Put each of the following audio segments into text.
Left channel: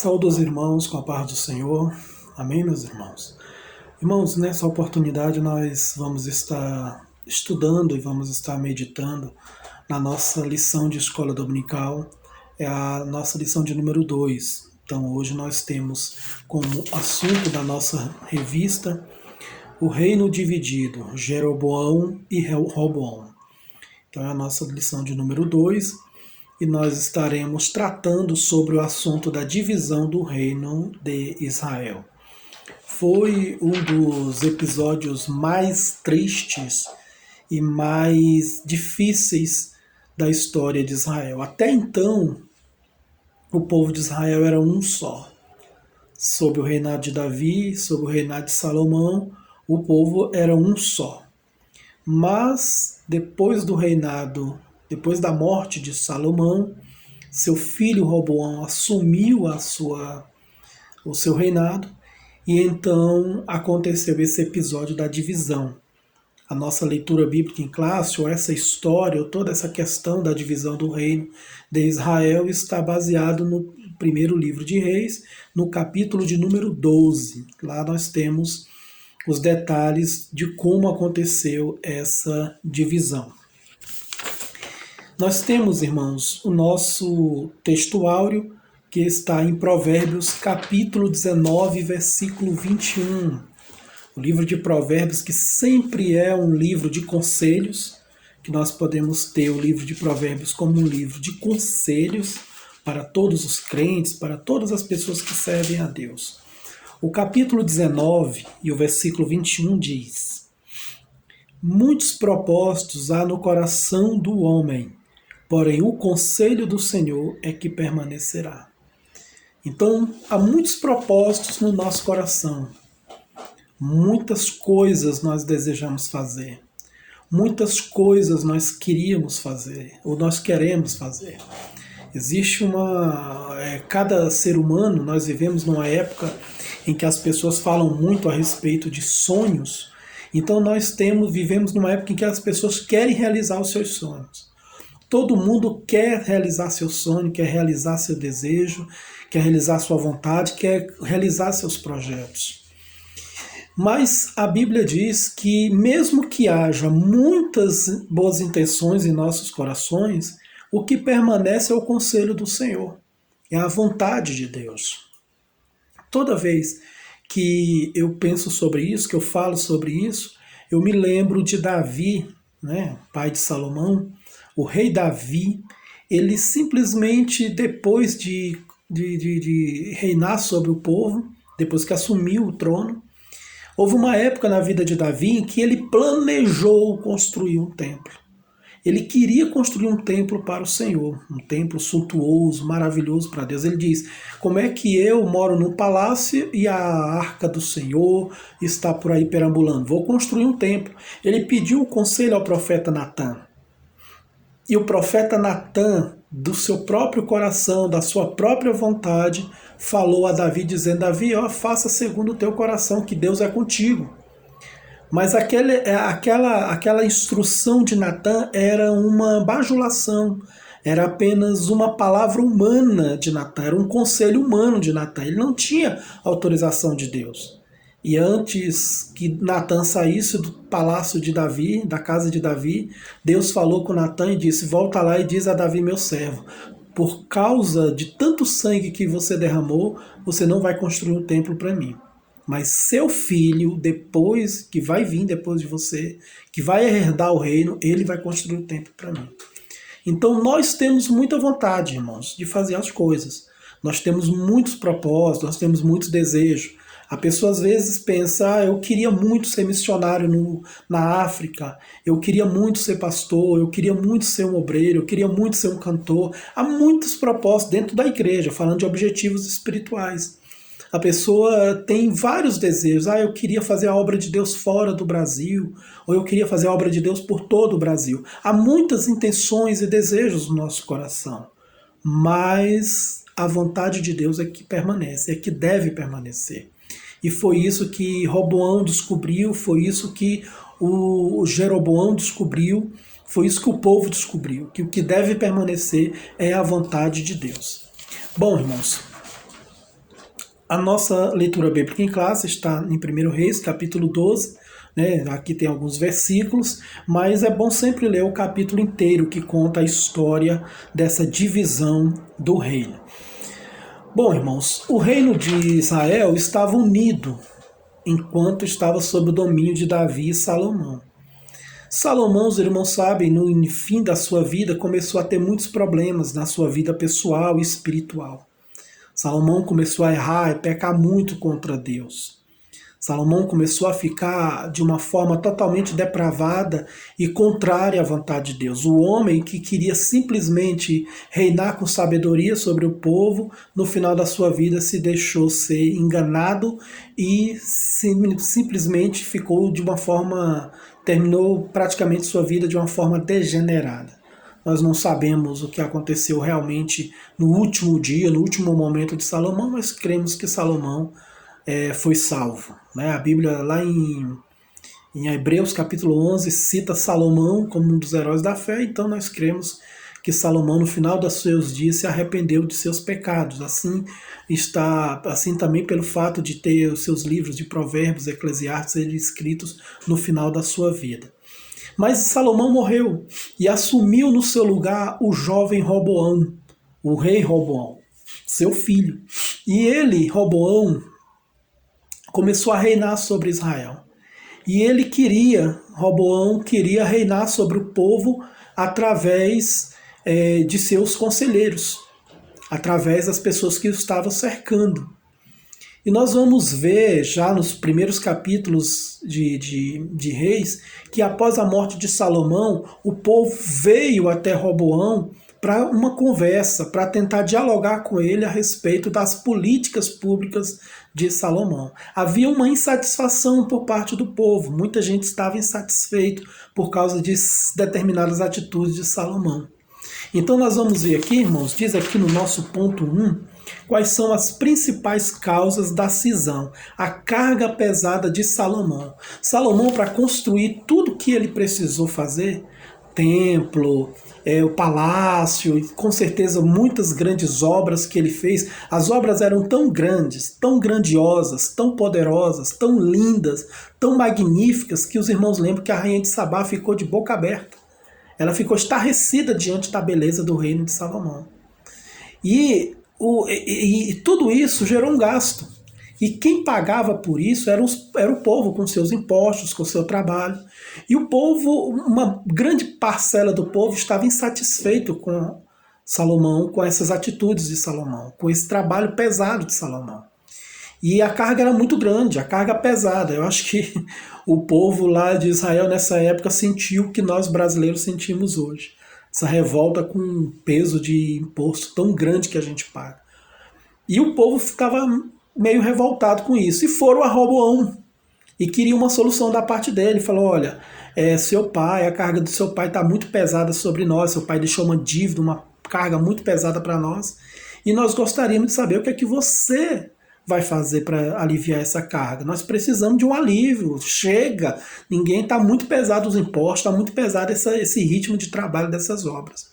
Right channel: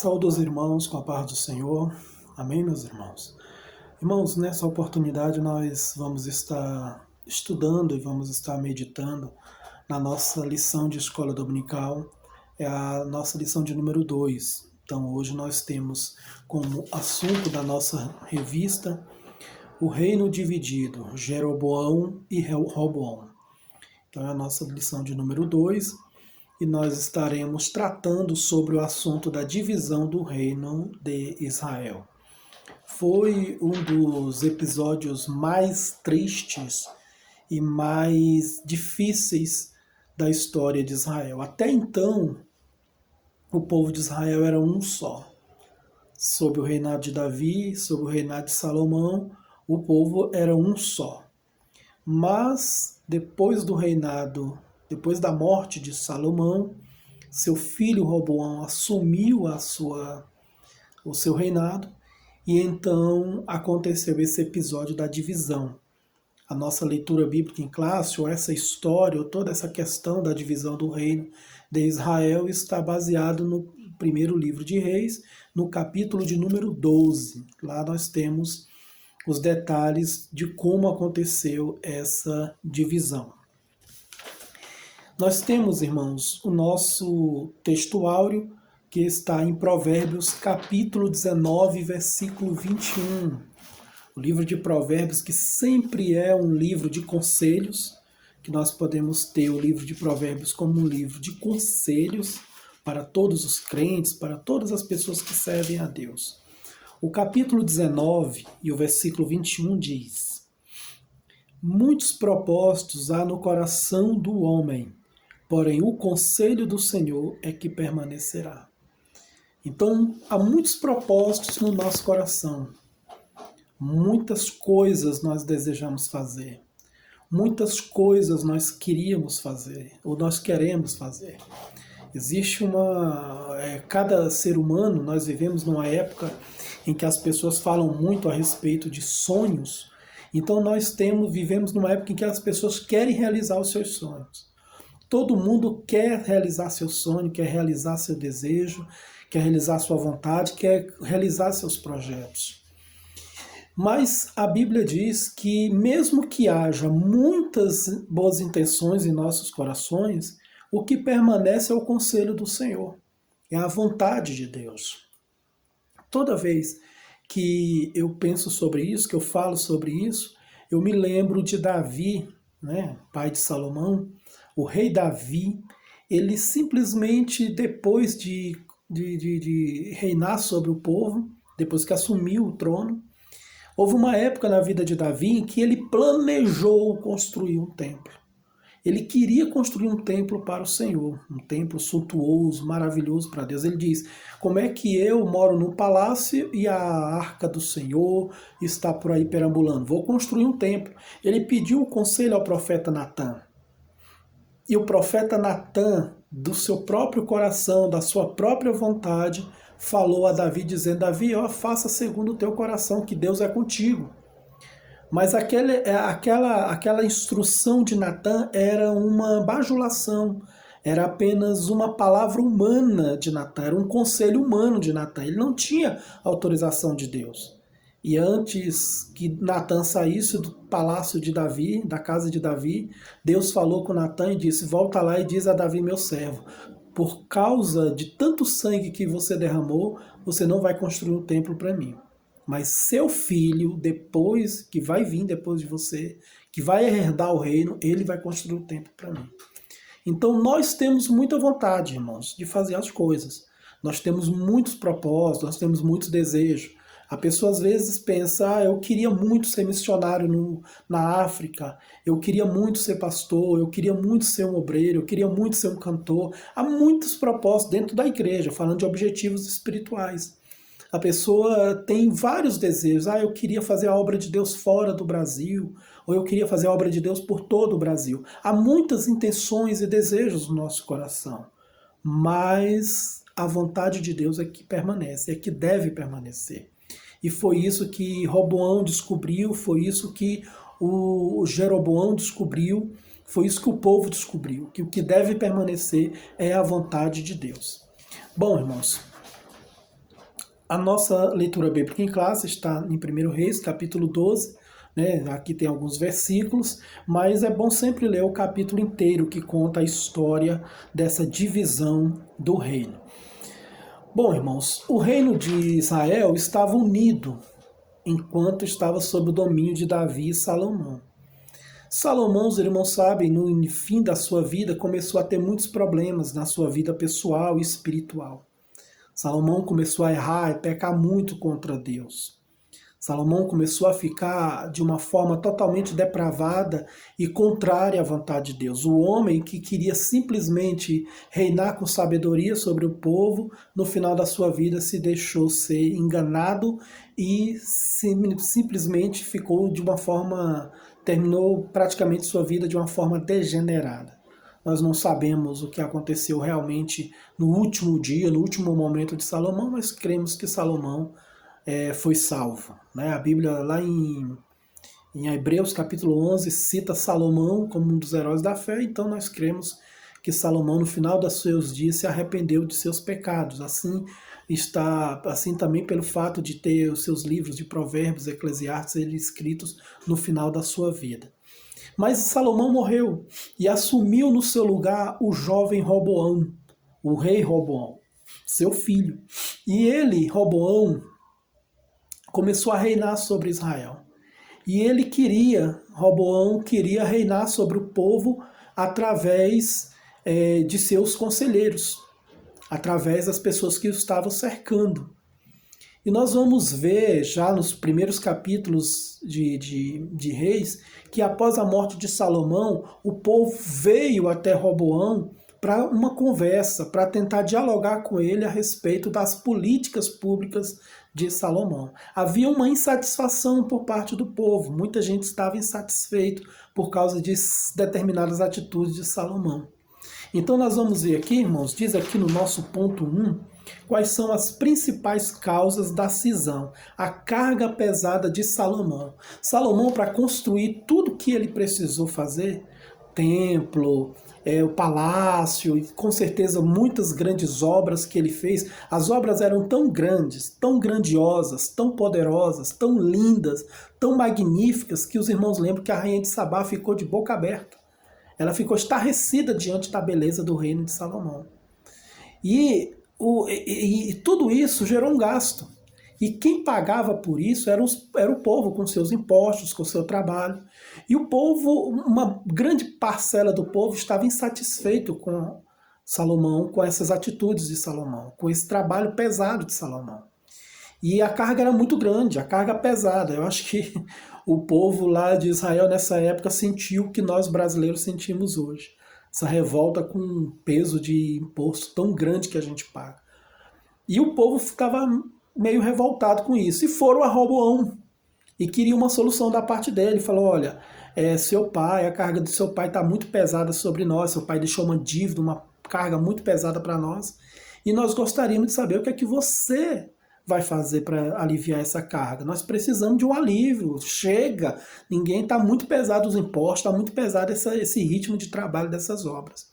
Saúdo os irmãos com a paz do Senhor. Amém, meus irmãos? Irmãos, nessa oportunidade nós vamos estar estudando e vamos estar meditando na nossa lição de escola dominical. É a nossa lição de número 2. Então hoje nós temos como assunto da nossa revista o reino dividido, Jeroboão e Roboão. Então é a nossa lição de número 2. E nós estaremos tratando sobre o assunto da divisão do reino de Israel. Foi um dos episódios mais tristes e mais difíceis da história de Israel. Até então, o povo de Israel era um só. Sob o reinado de Davi, sob o reinado de Salomão, o povo era um só. Mas depois da morte de Salomão, seu filho Roboão assumiu o seu reinado e então aconteceu esse episódio da divisão. A nossa leitura bíblica em classe, ou essa história, ou toda essa questão da divisão do reino de Israel está baseado no primeiro livro de Reis, no capítulo de número 12. Lá nós temos os detalhes de como aconteceu essa divisão. Nós temos, irmãos, o nosso texto áureo que está em Provérbios capítulo 19, versículo 21. O livro de Provérbios, que sempre é um livro de conselhos, que nós podemos ter o livro de Provérbios como um livro de conselhos para todos os crentes, para todas as pessoas que servem a Deus. O capítulo 19 e o versículo 21 diz: muitos propósitos há no coração do homem, porém o conselho do Senhor é que permanecerá. Então, há muitos propósitos no nosso coração. Muitas coisas nós desejamos fazer. Muitas coisas nós queríamos fazer, ou nós queremos fazer. Existe cada ser humano, nós vivemos numa época em que as pessoas falam muito a respeito de sonhos. Então nós vivemos numa época em que as pessoas querem realizar os seus sonhos. Todo mundo quer realizar seu sonho, quer realizar seu desejo, quer realizar sua vontade, quer realizar seus projetos. Mas a Bíblia diz que mesmo que haja muitas boas intenções em nossos corações, o que permanece é o conselho do Senhor, é a vontade de Deus. Toda vez que eu penso sobre isso, que eu falo sobre isso, eu me lembro de Davi, pai de Salomão. O rei Davi, ele simplesmente, depois de reinar sobre o povo, depois que assumiu o trono, houve uma época na vida de Davi em que ele planejou construir um templo. Ele queria construir um templo para o Senhor, um templo suntuoso, maravilhoso para Deus. Ele diz: como é que eu moro num palácio e a arca do Senhor está por aí perambulando? Vou construir um templo. Ele pediu o conselho ao profeta Natã. E o profeta Natã, do seu próprio coração, da sua própria vontade, falou a Davi, dizendo: Davi, faça segundo o teu coração, que Deus é contigo. Mas aquela instrução de Natã era uma bajulação, era apenas uma palavra humana de Natã, era um conselho humano de Natã. Ele não tinha autorização de Deus. E antes que Natã saísse do palácio de Davi, da casa de Davi, Deus falou com Natã e disse: volta lá e diz a Davi, meu servo, por causa de tanto sangue que você derramou, você não vai construir um templo para mim. Mas seu filho, que vai vir depois de você, que vai herdar o reino, ele vai construir um templo para mim. Então nós temos muita vontade, irmãos, de fazer as coisas. Nós temos muitos propósitos, nós temos muitos desejos. A pessoa às vezes pensa: eu queria muito ser missionário na África, eu queria muito ser pastor, eu queria muito ser um obreiro, eu queria muito ser um cantor. Há muitos propósitos dentro da igreja, falando de objetivos espirituais. A pessoa tem vários desejos. Eu queria fazer a obra de Deus fora do Brasil, ou eu queria fazer a obra de Deus por todo o Brasil. Há muitas intenções e desejos no nosso coração, mas a vontade de Deus é que permanece, é que deve permanecer. E foi isso que Roboão descobriu, foi isso que o Jeroboão descobriu, foi isso que o povo descobriu, que o que deve permanecer é a vontade de Deus. Bom, irmãos, A nossa leitura bíblica em classe está em 1 Reis, capítulo 12, né? Aqui tem alguns versículos, mas é bom sempre ler o capítulo inteiro que conta a história dessa divisão do reino. Bom, irmãos, o reino de Israel estava unido enquanto estava sob o domínio de Davi e Salomão. Salomão, os irmãos sabem, no fim da sua vida começou a ter muitos problemas na sua vida pessoal e espiritual. Salomão começou a errar e pecar muito contra Deus. Salomão começou a ficar de uma forma totalmente depravada e contrária à vontade de Deus. O homem que queria simplesmente reinar com sabedoria sobre o povo, no final da sua vida se deixou ser enganado e simplesmente ficou de uma forma, terminou praticamente sua vida de uma forma degenerada. Nós não sabemos o que aconteceu realmente no último dia, no último momento de Salomão, mas cremos que Salomão foi salvo. Né? A Bíblia, lá em Hebreus capítulo 11, cita Salomão como um dos heróis da fé, então nós cremos que Salomão, no final dos seus dias, se arrependeu de seus pecados. Assim também pelo fato de ter os seus livros de Provérbios e Eclesiastes escritos no final da sua vida. Mas Salomão morreu e assumiu no seu lugar o jovem Roboão, o rei Roboão, seu filho. E ele, Roboão, começou a reinar sobre Israel. E Roboão queria reinar sobre o povo através de seus conselheiros, através das pessoas que o estavam cercando. E nós vamos ver já nos primeiros capítulos de Reis que após a morte de Salomão, o povo veio até Roboão para uma conversa, para tentar dialogar com ele a respeito das políticas públicas de Salomão. Havia uma insatisfação por parte do povo, muita gente estava insatisfeito por causa de determinadas atitudes de Salomão. Então nós vamos ver aqui, irmãos, diz aqui no nosso ponto 1, quais são as principais causas da cisão, a carga pesada de Salomão. Salomão, para construir tudo que ele precisou fazer, templo, o palácio, e com certeza muitas grandes obras que ele fez, as obras eram tão grandes, tão grandiosas, tão poderosas, tão lindas, tão magníficas, que os irmãos lembram que a rainha de Sabá ficou de boca aberta. Ela ficou estarrecida diante da beleza do reino de Salomão. E tudo isso gerou um gasto. E quem pagava por isso era o povo, com seus impostos, com seu trabalho. E o povo, uma grande parcela do povo estava insatisfeito com Salomão, com essas atitudes de Salomão, com esse trabalho pesado de Salomão. E a carga era muito grande, a carga pesada. Eu acho que o povo lá de Israel nessa época sentiu o que nós brasileiros sentimos hoje. Essa revolta com um peso de imposto tão grande que a gente paga. E o povo ficava meio revoltado com isso. E foram a Roboão e queriam uma solução da parte dele. Falou, olha, seu pai, a carga do seu pai está muito pesada sobre nós. Seu pai deixou uma dívida, uma carga muito pesada para nós. E nós gostaríamos de saber o que é que você vai fazer para aliviar essa carga. Nós precisamos de um alívio. Chega! Ninguém está muito pesado os impostos, está muito pesado esse ritmo de trabalho dessas obras.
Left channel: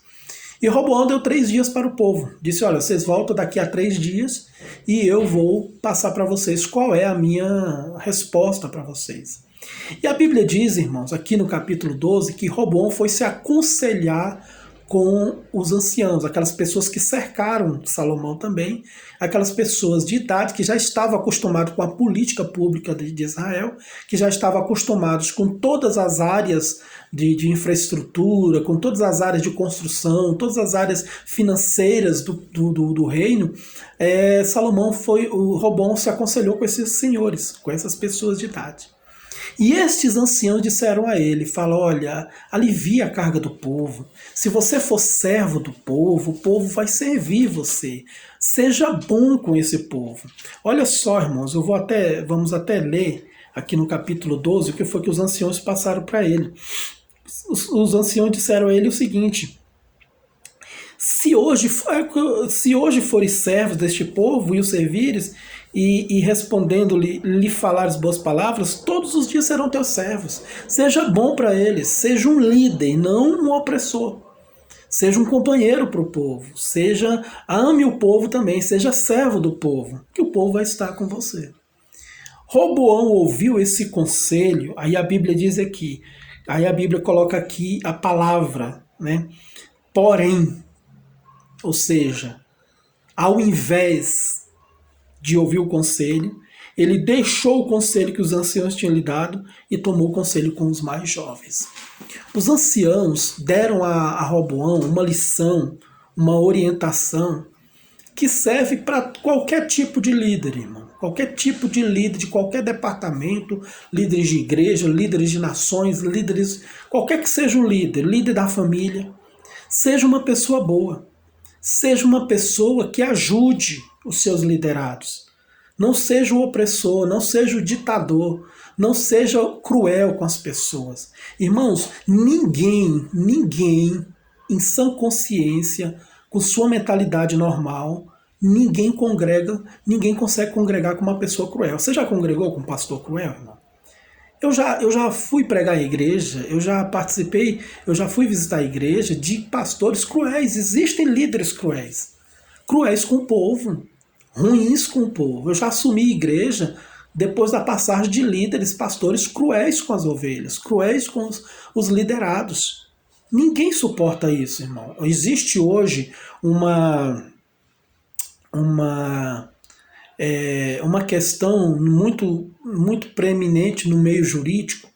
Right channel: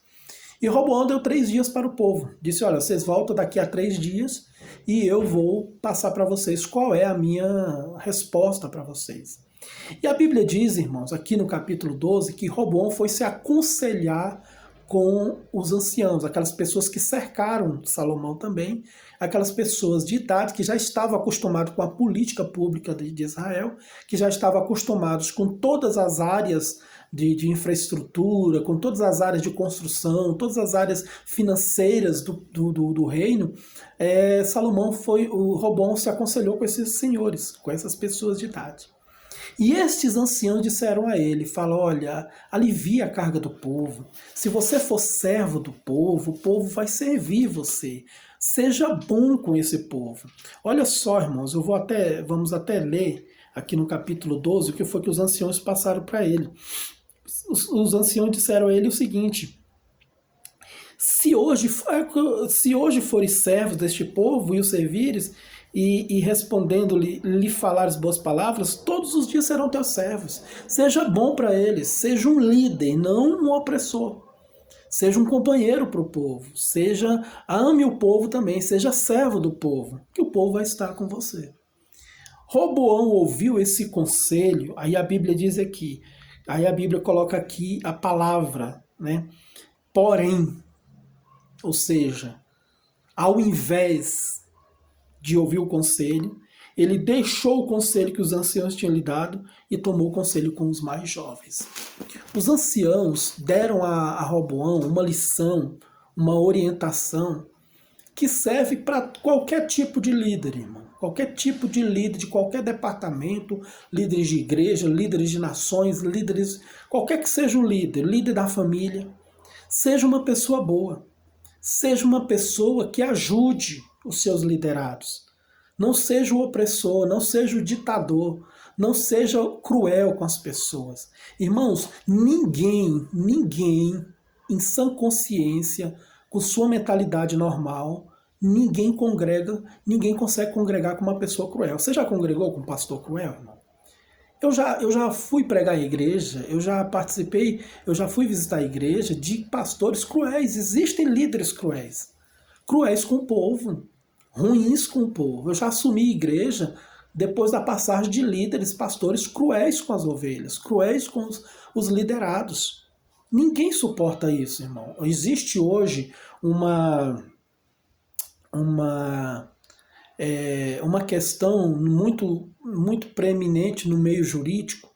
E Roboão deu 3 dias para o povo. Disse, olha, vocês voltam daqui a 3 dias e eu vou passar para vocês qual é a minha resposta para vocês. E a Bíblia diz, irmãos, aqui no capítulo 12, que Roboão foi se aconselhar com os anciãos, aquelas pessoas que cercaram Salomão também, aquelas pessoas de idade que já estavam acostumadas com a política pública de Israel, que já estavam acostumados com todas as áreas de infraestrutura, com todas as áreas de construção, todas as áreas financeiras do reino. O Roboão se aconselhou com esses senhores, com essas pessoas de idade. E estes anciãos disseram a ele, falam, olha, alivia a carga do povo. Se você for servo do povo, o povo vai servir você. Seja bom com esse povo. Olha só, irmãos, vamos até ler aqui no capítulo 12 o que foi que os anciãos passaram para ele. Os anciãos disseram a ele o seguinte, se hoje fores servos deste povo e o servires, e respondendo-lhe, lhe falares boas palavras, todos os dias serão teus servos. Seja bom para eles, seja um líder, não um opressor. Seja um companheiro para o povo, ame o povo também, seja servo do povo, que o povo vai estar com você. Roboão ouviu esse conselho, aí a Bíblia diz aqui, aí a Bíblia coloca aqui a palavra, né? Porém, ou seja, ao invés de ouvir o conselho, ele deixou o conselho que os anciãos tinham lhe dado e tomou o conselho com os mais jovens. Os anciãos deram a Roboão uma lição, uma orientação que serve para qualquer tipo de líder, irmão. Qualquer tipo de líder, de qualquer departamento, líderes de igreja, líderes de nações, líderes, qualquer que seja o líder, líder da família, seja uma pessoa boa, seja uma pessoa que ajude os seus liderados. Não seja o opressor, não seja o ditador, não seja cruel com as pessoas. Irmãos, ninguém em sã consciência, com sua mentalidade normal, ninguém consegue congregar com uma pessoa cruel. Você já congregou com um pastor cruel, irmão? Eu já fui pregar em igreja, eu já participei, eu já fui visitar a igreja de pastores cruéis. Existem líderes cruéis. Cruéis com o povo, ruins com o povo. Eu já assumi igreja depois da passagem de líderes, pastores cruéis com as ovelhas, cruéis com os liderados. Ninguém suporta isso, irmão. Existe hoje uma questão muito preeminente no meio jurídico,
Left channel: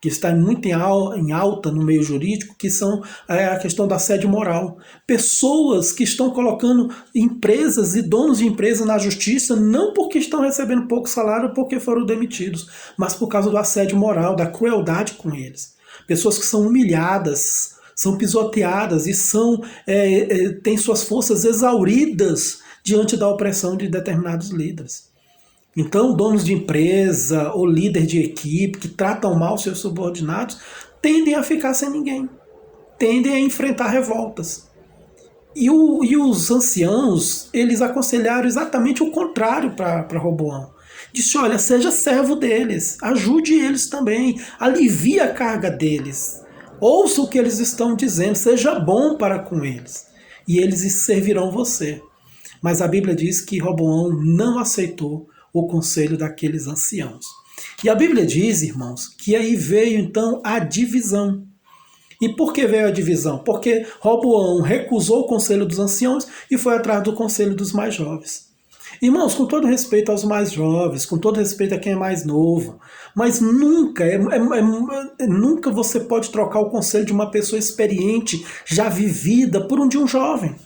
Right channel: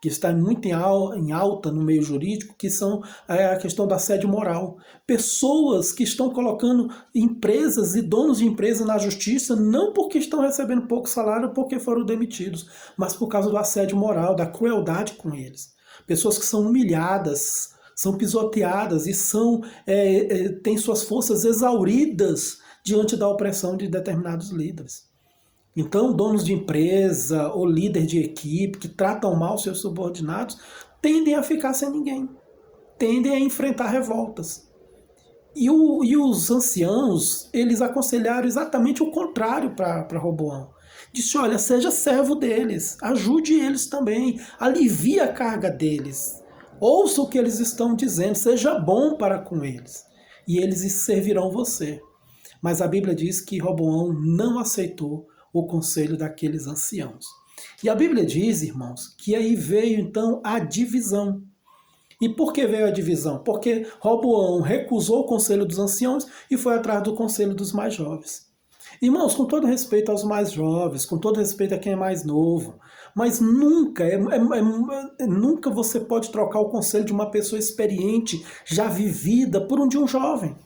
que está muito em alta no meio jurídico, que são a questão da assédio moral. Pessoas que estão colocando empresas e donos de empresas na justiça, não porque estão recebendo pouco salário, porque foram demitidos, mas por causa do assédio moral, da crueldade com eles. Pessoas que são humilhadas, são pisoteadas e têm suas forças exauridas diante da opressão de determinados líderes. Então, donos de empresa ou líder de equipe que tratam mal seus subordinados tendem a ficar sem ninguém, tendem a enfrentar revoltas. E os anciãos, eles aconselharam exatamente o contrário para Roboão. Disse, olha, seja servo deles, ajude eles também, alivie a carga deles. Ouça o que eles estão dizendo, seja bom para com eles, e eles servirão você. Mas a Bíblia diz que Roboão não aceitou o conselho daqueles anciãos. E a Bíblia diz, irmãos, que aí veio então a divisão. E por que veio a divisão? Porque Roboão recusou o conselho dos anciãos e foi atrás do conselho dos mais jovens. Irmãos, com todo respeito aos mais jovens, com todo respeito a quem é mais novo, mas nunca você pode trocar o conselho de uma pessoa experiente, já vivida, por um de um jovem.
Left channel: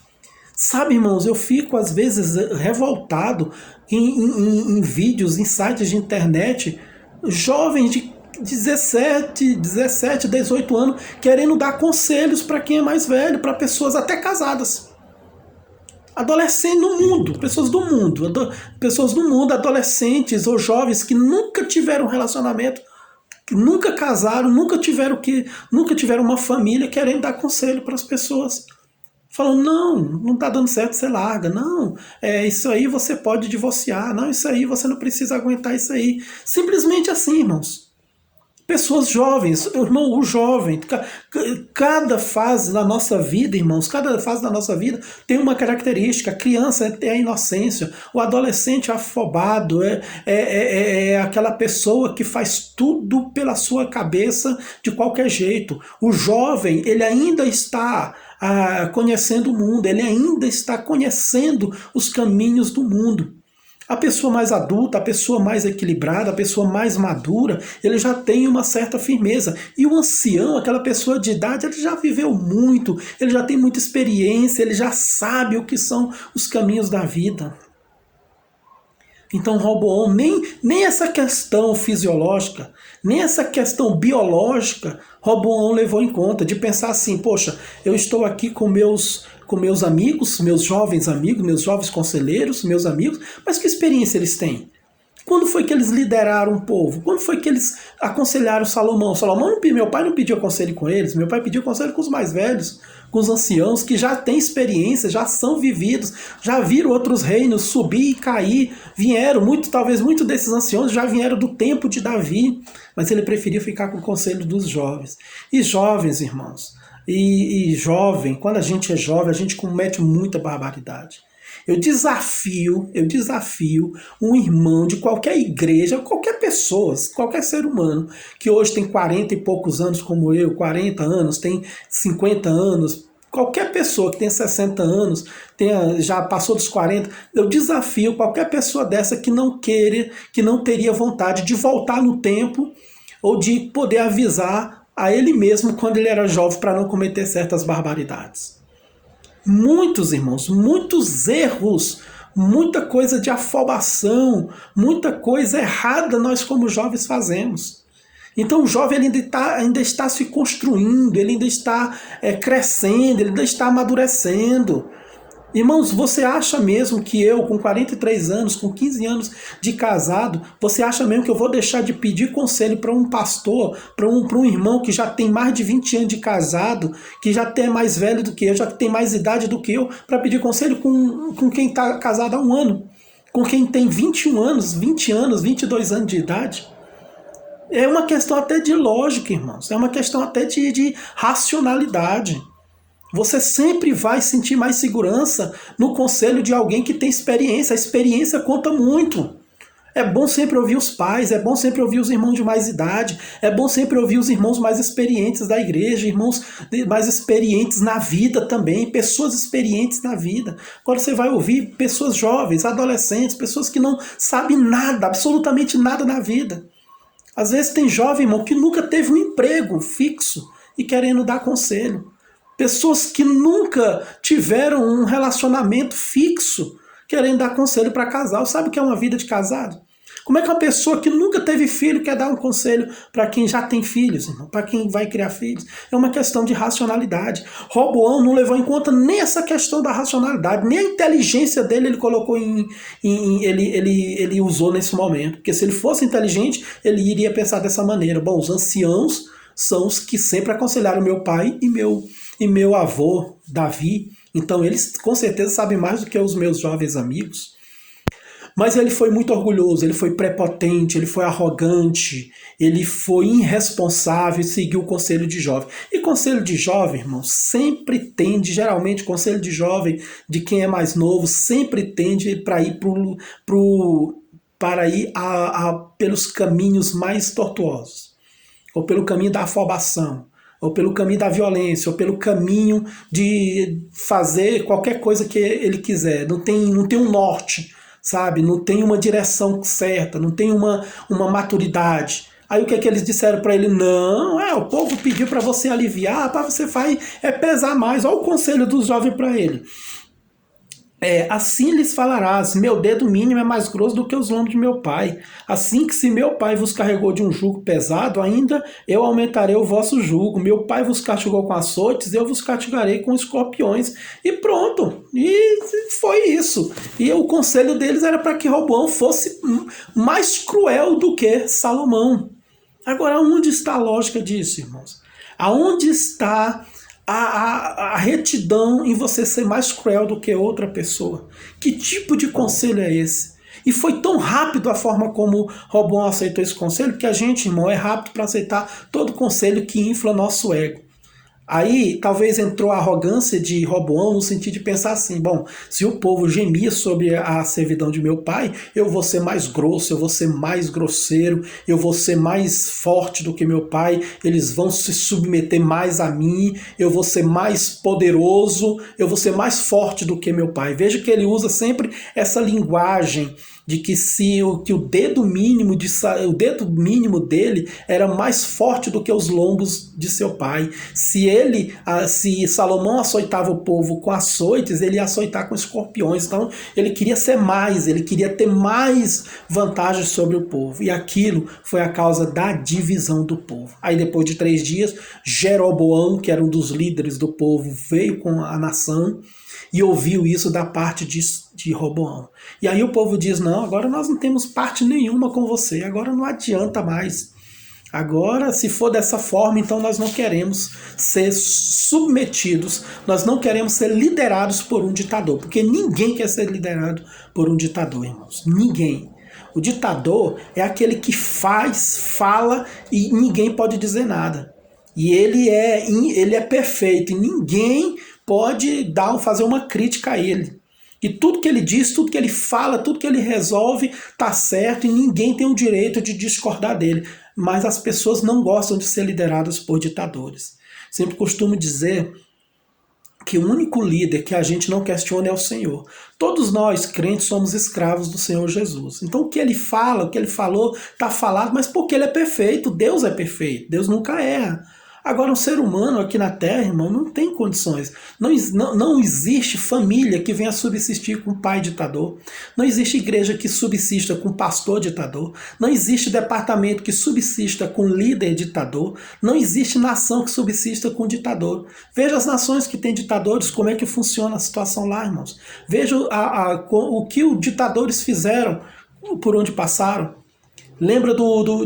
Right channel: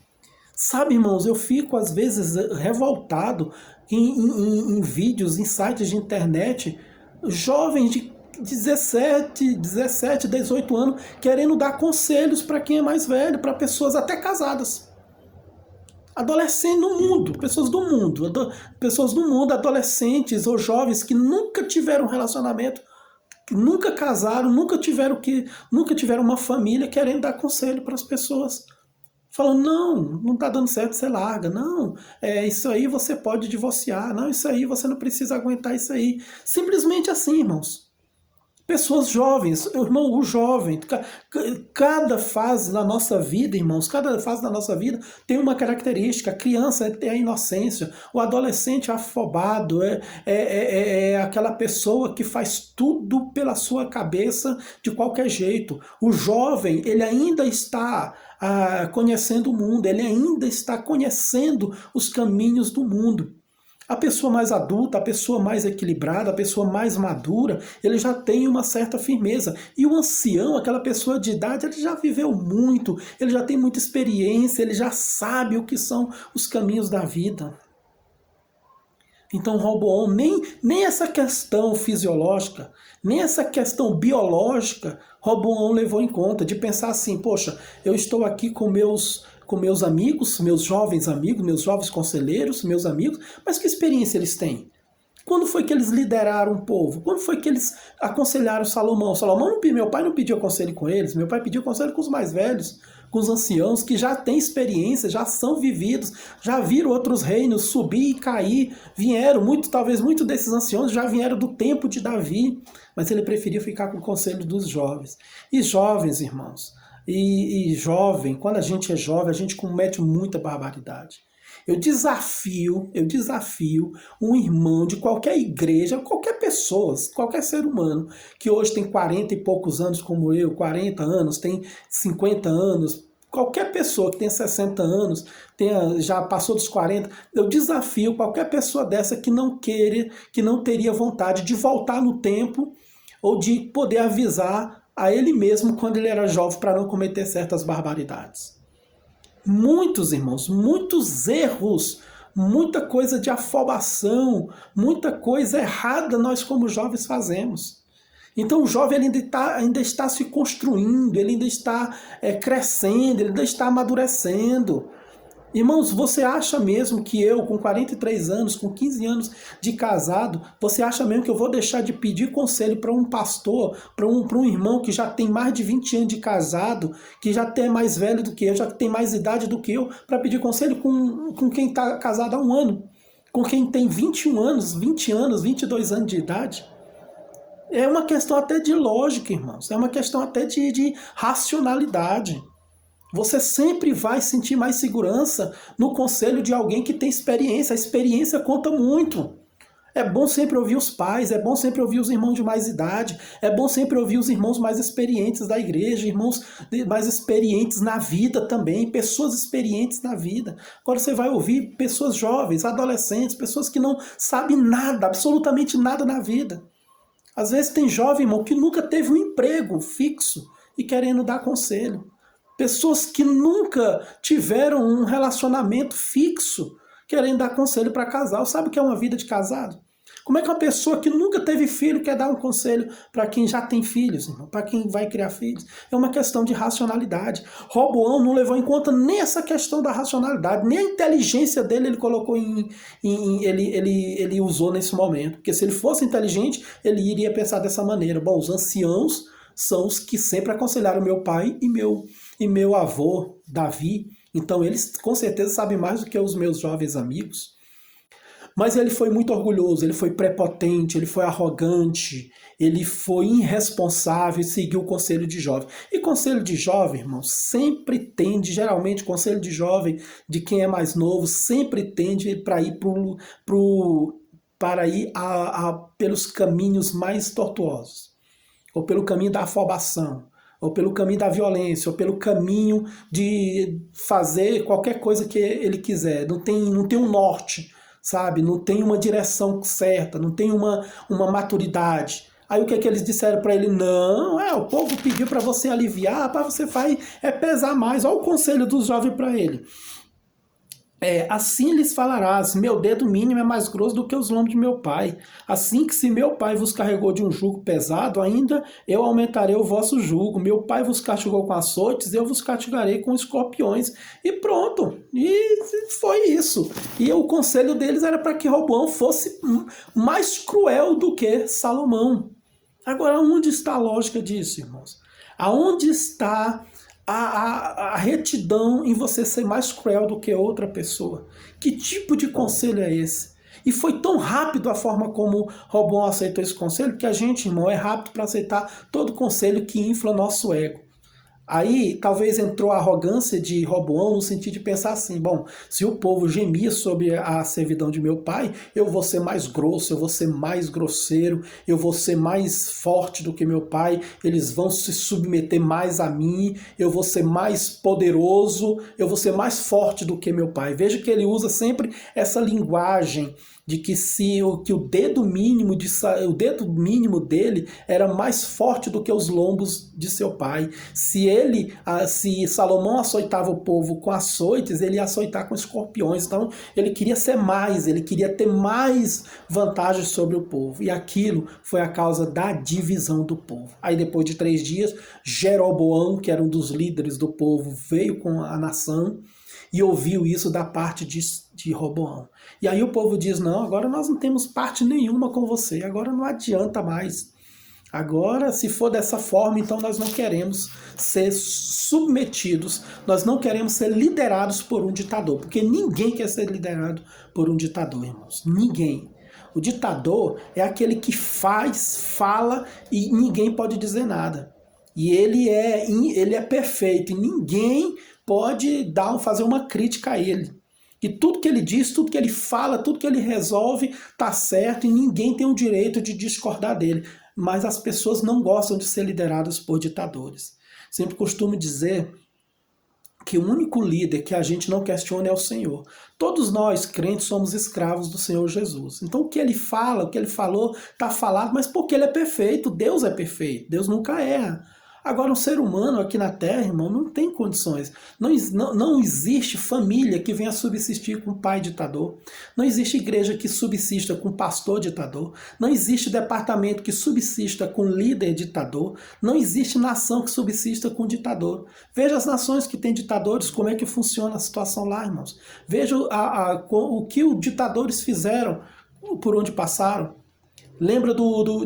Sabe, irmãos, eu fico às vezes revoltado em vídeos, em sites de internet, jovens de 17, 18 anos querendo dar conselhos para quem é mais velho, para pessoas até casadas. Adolescentes no mundo, pessoas do mundo, adolescentes ou jovens que nunca tiveram relacionamento, que nunca casaram, nunca tiveram uma família, querendo dar conselho para as pessoas. Falando, não está dando certo, você larga. Não, isso aí você pode divorciar. Não, isso aí você não precisa aguentar isso aí. Simplesmente assim, irmãos. Pessoas jovens, irmão, o jovem, cada fase da nossa vida, irmãos, cada fase da nossa vida tem uma característica. A criança é a inocência, o adolescente é afobado, é aquela pessoa que faz tudo pela sua cabeça de qualquer jeito. O jovem, ele ainda está conhecendo o mundo, ele ainda está conhecendo os caminhos do mundo. A pessoa mais adulta, a pessoa mais equilibrada, a pessoa mais madura, ele já tem uma certa firmeza. E o ancião, aquela pessoa de idade, ele já viveu muito, ele já tem muita experiência, ele já sabe o que são os caminhos da vida. Então Roboão, nem essa questão fisiológica, nem essa questão biológica, Roboão levou em conta, de pensar assim, poxa, eu estou aqui com meus amigos, meus jovens amigos, meus jovens conselheiros, meus amigos, mas que experiência eles têm? Quando foi que eles lideraram o povo? Quando foi que eles aconselharam Salomão? Meu pai não pediu conselho com eles, meu pai pediu conselho com os mais velhos, com os anciãos que já têm experiência, já são vividos, já viram outros reinos subir e cair, talvez muitos desses anciãos já vieram do tempo de Davi, mas ele preferiu ficar com o conselho dos jovens. E jovens, irmãos, E jovem, quando a gente é jovem, a gente comete muita barbaridade. Eu desafio um irmão de qualquer igreja, qualquer pessoa, qualquer ser humano, que hoje tem 40 e poucos anos como eu, 40 anos, tem 50 anos, qualquer pessoa que tem 60 anos, já passou dos 40, eu desafio qualquer pessoa dessa que não queira, que não teria vontade de voltar no tempo ou de poder avisar a ele mesmo quando ele era jovem para não cometer certas barbaridades. Muitos, irmãos, muitos erros, muita coisa de afobação, muita coisa errada nós como jovens fazemos. Então o jovem ele ainda está se construindo, ele ainda está crescendo, ele ainda está amadurecendo. Irmãos, você acha mesmo que eu, com 43 anos, com 15 anos de casado, você acha mesmo que eu vou deixar de pedir conselho para um pastor, para um irmão que já tem mais de 20 anos de casado, que já é mais velho do que eu, já tem mais idade do que eu, para pedir conselho com quem está casado há um ano, com quem tem 21 anos, 20 anos, 22 anos de idade? É uma questão até de lógica, irmãos, é uma questão até de racionalidade. Você sempre vai sentir mais segurança no conselho de alguém que tem experiência. A experiência conta muito. É bom sempre ouvir os pais, é bom sempre ouvir os irmãos de mais idade, é bom sempre ouvir os irmãos mais experientes da igreja, irmãos mais experientes na vida também, pessoas experientes na vida. Agora você vai ouvir pessoas jovens, adolescentes, pessoas que não sabem nada, absolutamente nada na vida. Às vezes tem jovem, irmão, que nunca teve um emprego fixo e querendo dar conselho. Pessoas que nunca tiveram um relacionamento fixo, querendo dar conselho para casal. Sabe o que é uma vida de casado? Como é que uma pessoa que nunca teve filho quer dar um conselho para quem já tem filhos, para quem vai criar filhos? É uma questão de racionalidade. Roboão não levou em conta nem essa questão da racionalidade, nem a inteligência dele ele colocou ele usou nesse momento. Porque se ele fosse inteligente, ele iria pensar dessa maneira. Bom, os anciãos são os que sempre aconselharam meu pai e meu avô, Davi. Então eles com certeza sabem mais do que os meus jovens amigos. Mas ele foi muito orgulhoso, ele foi prepotente, ele foi arrogante, ele foi irresponsável e seguiu o conselho de jovem. E conselho de jovem, irmão, sempre tende, geralmente conselho de jovem, de quem é mais novo, sempre tende para ir pelos caminhos mais tortuosos, ou pelo caminho da afobação, ou pelo caminho da violência, ou pelo caminho de fazer qualquer coisa que ele quiser. Não tem um norte, sabe? Não tem uma direção certa, não tem uma maturidade. Aí o que eles disseram para ele? Não, o povo pediu para você aliviar, para você pesar mais. Olha o conselho dos jovens para ele. Assim lhes falarás, meu dedo mínimo é mais grosso do que os lombos de meu pai. Assim que se meu pai vos carregou de um jugo pesado, ainda eu aumentarei o vosso jugo. Meu pai vos castigou com açoites, eu vos castigarei com escorpiões. E pronto, e foi isso. E o conselho deles era para que Roboão fosse mais cruel do que Salomão. Agora, onde está a lógica disso, irmãos? Aonde está a retidão em você ser mais cruel do que outra pessoa? Que tipo de conselho é esse? E foi tão rápido a forma como Roboão aceitou esse conselho, que a gente, irmão, é rápido para aceitar todo conselho que infla nosso ego. Aí talvez entrou a arrogância de Roboão no sentido de pensar assim, bom, se o povo gemia sobre a servidão de meu pai, eu vou ser mais grosso, eu vou ser mais grosseiro, eu vou ser mais forte do que meu pai, eles vão se submeter mais a mim, eu vou ser mais poderoso, eu vou ser mais forte do que meu pai. Veja que ele usa sempre essa linguagem de que o dedo mínimo dele era mais forte do que os lombos de seu pai. Se Salomão açoitava o povo com açoites, ele ia açoitar com escorpiões. Então ele queria ser mais, ele queria ter mais vantagens sobre o povo. E aquilo foi a causa da divisão do povo. Aí depois de 3 dias, Jeroboão, que era um dos líderes do povo, veio com a nação e ouviu isso da parte de Roboão. E aí o povo diz, não, agora nós não temos parte nenhuma com você, agora não adianta mais. Agora, se for dessa forma, então nós não queremos ser submetidos, nós não queremos ser liderados por um ditador, porque ninguém quer ser liderado por um ditador, irmãos, ninguém. O ditador é aquele que fala e ninguém pode dizer nada. E ele é perfeito, e ninguém pode fazer uma crítica a ele. E tudo que ele diz, tudo que ele fala, tudo que ele resolve está certo, e ninguém tem o direito de discordar dele. Mas as pessoas não gostam de ser lideradas por ditadores. Sempre costumo dizer que o único líder que a gente não questiona é o Senhor. Todos nós, crentes, somos escravos do Senhor Jesus. Então o que ele fala, o que ele falou, está falado, mas porque ele é perfeito, Deus é perfeito, Deus nunca erra. Agora, um ser humano aqui na Terra, irmão, não tem condições. Não existe família que venha subsistir com pai ditador. Não existe igreja que subsista com pastor ditador. Não existe departamento que subsista com líder ditador. Não existe nação que subsista com ditador. Veja as nações que têm ditadores, como é que funciona a situação lá, irmãos. Veja o que os ditadores fizeram, por onde passaram. Lembra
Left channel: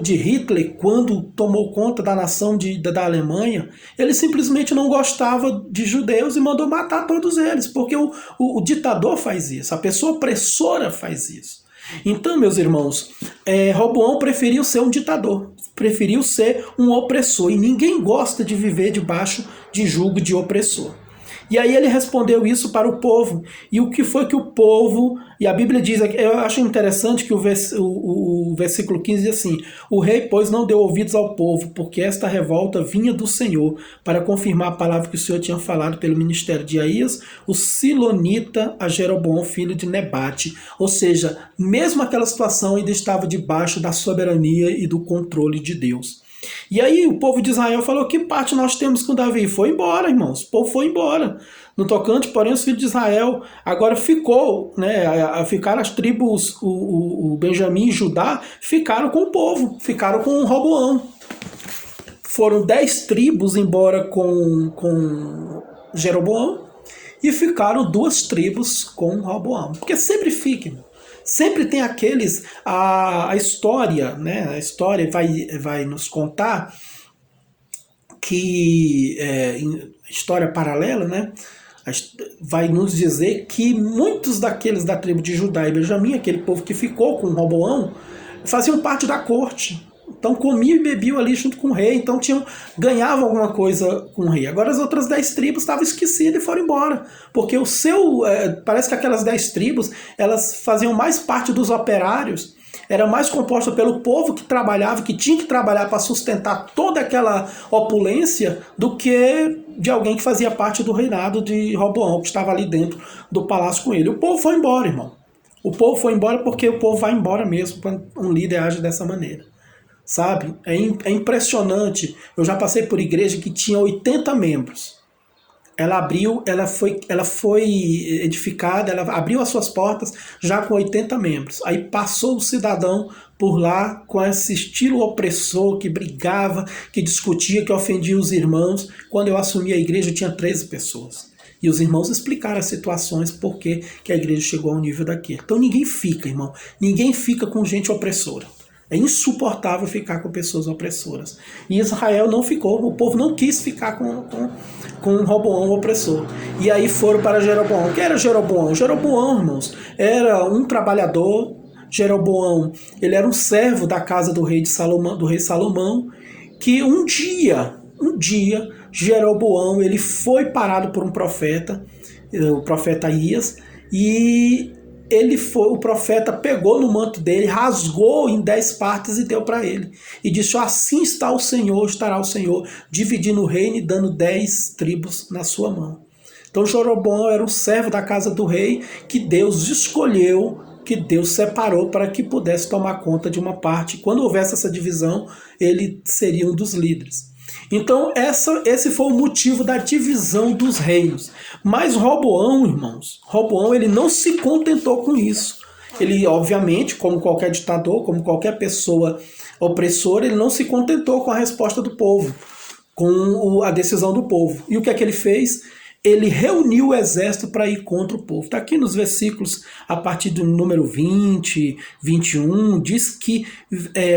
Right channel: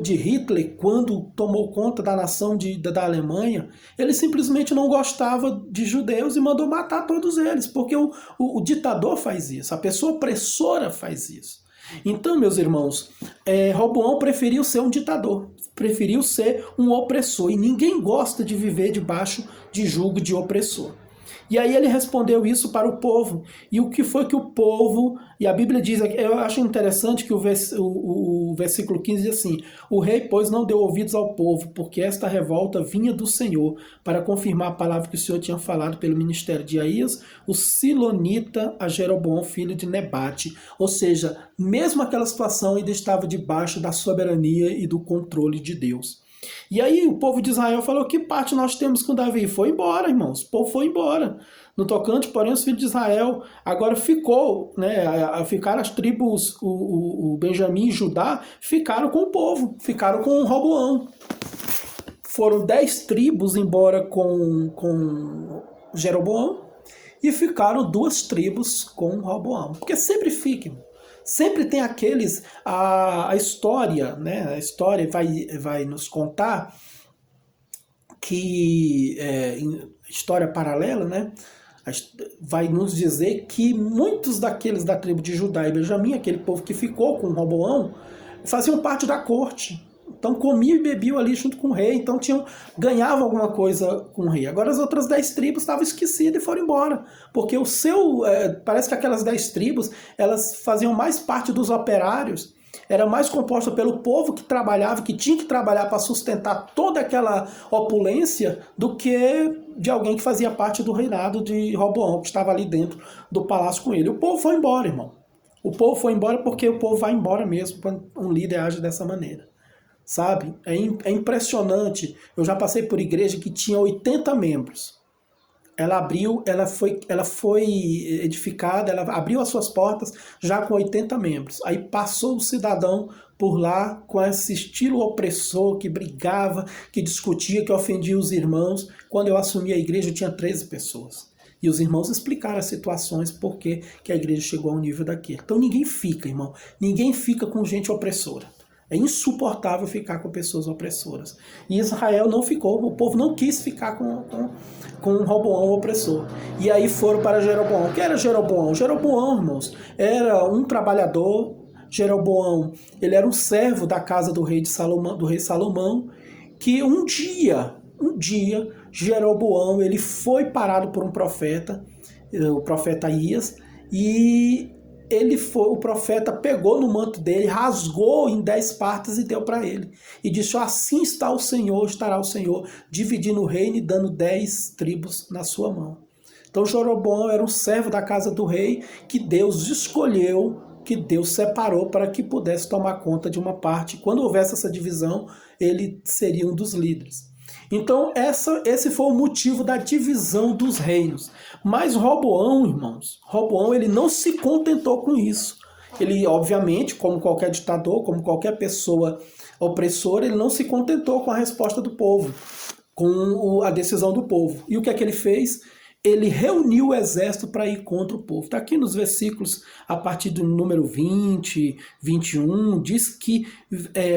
de Hitler, quando tomou conta da nação da Alemanha? Ele simplesmente não gostava de judeus e mandou matar todos eles, porque o ditador faz isso, a pessoa opressora faz isso. Então, meus irmãos, Roboão preferiu ser um ditador, preferiu ser um opressor, e ninguém gosta de viver debaixo de jugo de opressor. E aí ele respondeu isso para o povo. E o que foi que o povo... E a Bíblia diz, eu acho interessante que o versículo 15 diz assim: o rei, pois, não deu ouvidos ao povo, porque esta revolta vinha do Senhor, para confirmar a palavra que o Senhor tinha falado pelo ministério de Aías, o Silonita, a Jeroboão, filho de Nebate. Ou seja, mesmo aquela situação ainda estava debaixo da soberania e do controle de Deus. E aí o povo de Israel falou: que parte nós temos com Davi? Foi embora, irmãos. O povo foi embora. No tocante, porém, os filhos de Israel agora ficaram as tribos, o Benjamim e Judá, ficaram com o povo, ficaram com Roboão. Foram 10 tribos embora com Jeroboão e ficaram 2 tribos com Roboão. Porque sempre fica, irmão. Sempre tem aqueles, a história, né? A história vai nos contar que, história paralela, né? Vai nos dizer que muitos daqueles da tribo de Judá e Benjamim, aquele povo que ficou com Roboão, faziam parte da corte. Então comiam e bebiam ali junto com o rei, então ganhavam alguma coisa com o rei. Agora as outras 10 tribos estavam esquecidas e foram embora, porque parece que aquelas 10 tribos, elas faziam mais parte dos operários, era mais composta pelo povo que trabalhava, que tinha que trabalhar para sustentar toda aquela opulência, do que de alguém que fazia parte do reinado de Roboão, que estava ali dentro do palácio com ele. O povo foi embora, irmão. O povo foi embora porque o povo vai embora mesmo quando um líder age dessa maneira. Sabe? É impressionante. Eu já passei por igreja que tinha 80 membros. Ela foi edificada, ela abriu as suas portas já com 80 membros. Aí passou o cidadão por lá com esse estilo opressor, que brigava, que discutia, que ofendia os irmãos. Quando eu assumi a igreja, eu tinha 13 pessoas. E os irmãos explicaram as situações, por que a igreja chegou ao nível daquele. Então ninguém fica, irmão. Ninguém fica com gente opressora. É insuportável ficar com pessoas opressoras. E Israel não ficou, o povo não quis ficar com Roboão opressor. E aí foram para Jeroboão. Quem era Jeroboão? Jeroboão, irmãos, era um trabalhador. Jeroboão, ele era um servo da casa do rei Salomão, que um dia, Jeroboão, ele foi parado por um profeta, o profeta Aías, e o profeta pegou no manto dele, rasgou em 10 partes e deu para ele. E disse: assim estará o Senhor, dividindo o reino e dando 10 tribos na sua mão. Então Jeroboão era um servo da casa do rei, que Deus escolheu, que Deus separou para que pudesse tomar conta de uma parte. Quando houvesse essa divisão, ele seria um dos líderes. Então esse foi o motivo da divisão dos reinos. Mas Roboão, irmãos, ele não se contentou com isso. Ele, obviamente, como qualquer ditador, como qualquer pessoa opressora, ele não se contentou com a resposta do povo, com a decisão do povo. E o que é que ele fez? Ele reuniu o exército para ir contra o povo. Está aqui nos versículos, a partir do número 20, 21, diz que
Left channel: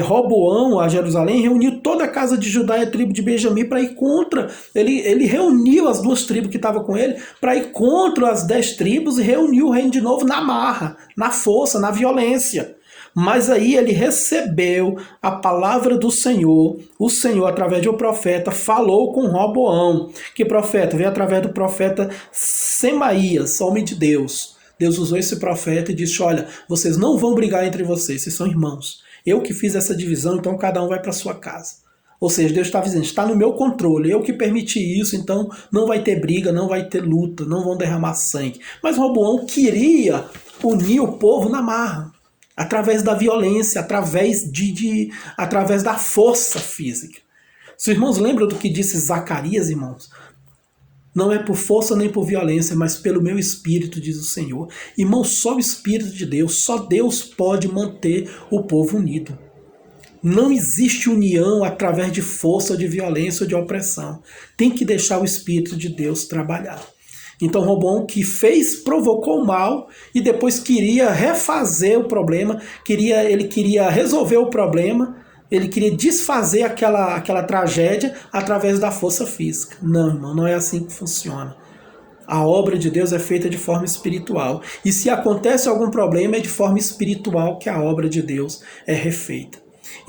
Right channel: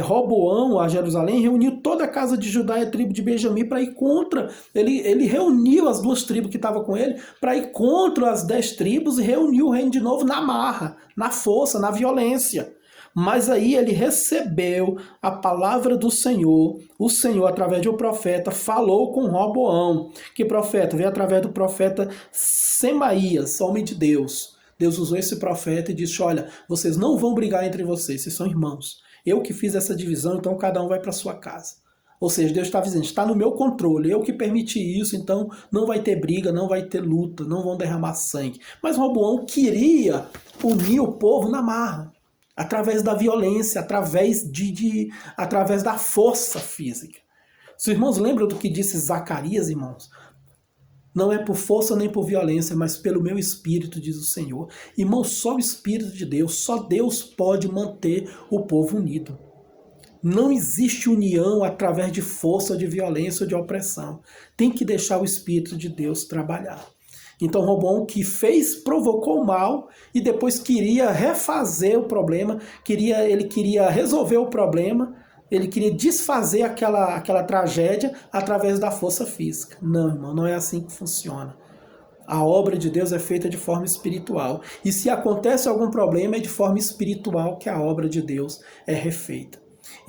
Roboão, a Jerusalém, reuniu toda a casa de Judá e a tribo de Benjamim para ir contra. Ele reuniu as 2 tribos que estavam com ele para ir contra as 10 tribos e reuniu o reino de novo na marra, na força, na violência. Mas aí ele recebeu a palavra do Senhor. O Senhor, através de um profeta, falou com Roboão. Que profeta? Veio através do profeta Semaías, homem de Deus. Deus usou esse profeta e disse: olha, vocês não vão brigar entre vocês são irmãos. Eu que fiz essa divisão, então cada um vai para sua casa. Ou seja, Deus está dizendo: está no meu controle, eu que permiti isso, então não vai ter briga, não vai ter luta, não vão derramar sangue. Mas Roboão queria unir o povo na marra, através da violência, através da força física. Os irmãos lembram do que disse Zacarias, irmãos? Não é por força nem por violência, mas pelo meu espírito, diz o Senhor. Irmãos, só o Espírito de Deus, só Deus pode manter o povo unido. Não existe união através de força, ou de violência ou de opressão. Tem que deixar o Espírito de Deus trabalhar. Então Roboão que fez, provocou o mal e depois queria refazer o problema, ele queria resolver o problema, ele queria desfazer aquela tragédia através da força física. Não, irmão, não é assim que funciona. A obra de Deus é feita de forma espiritual. E se acontece algum problema, é de forma espiritual que a obra de Deus é refeita.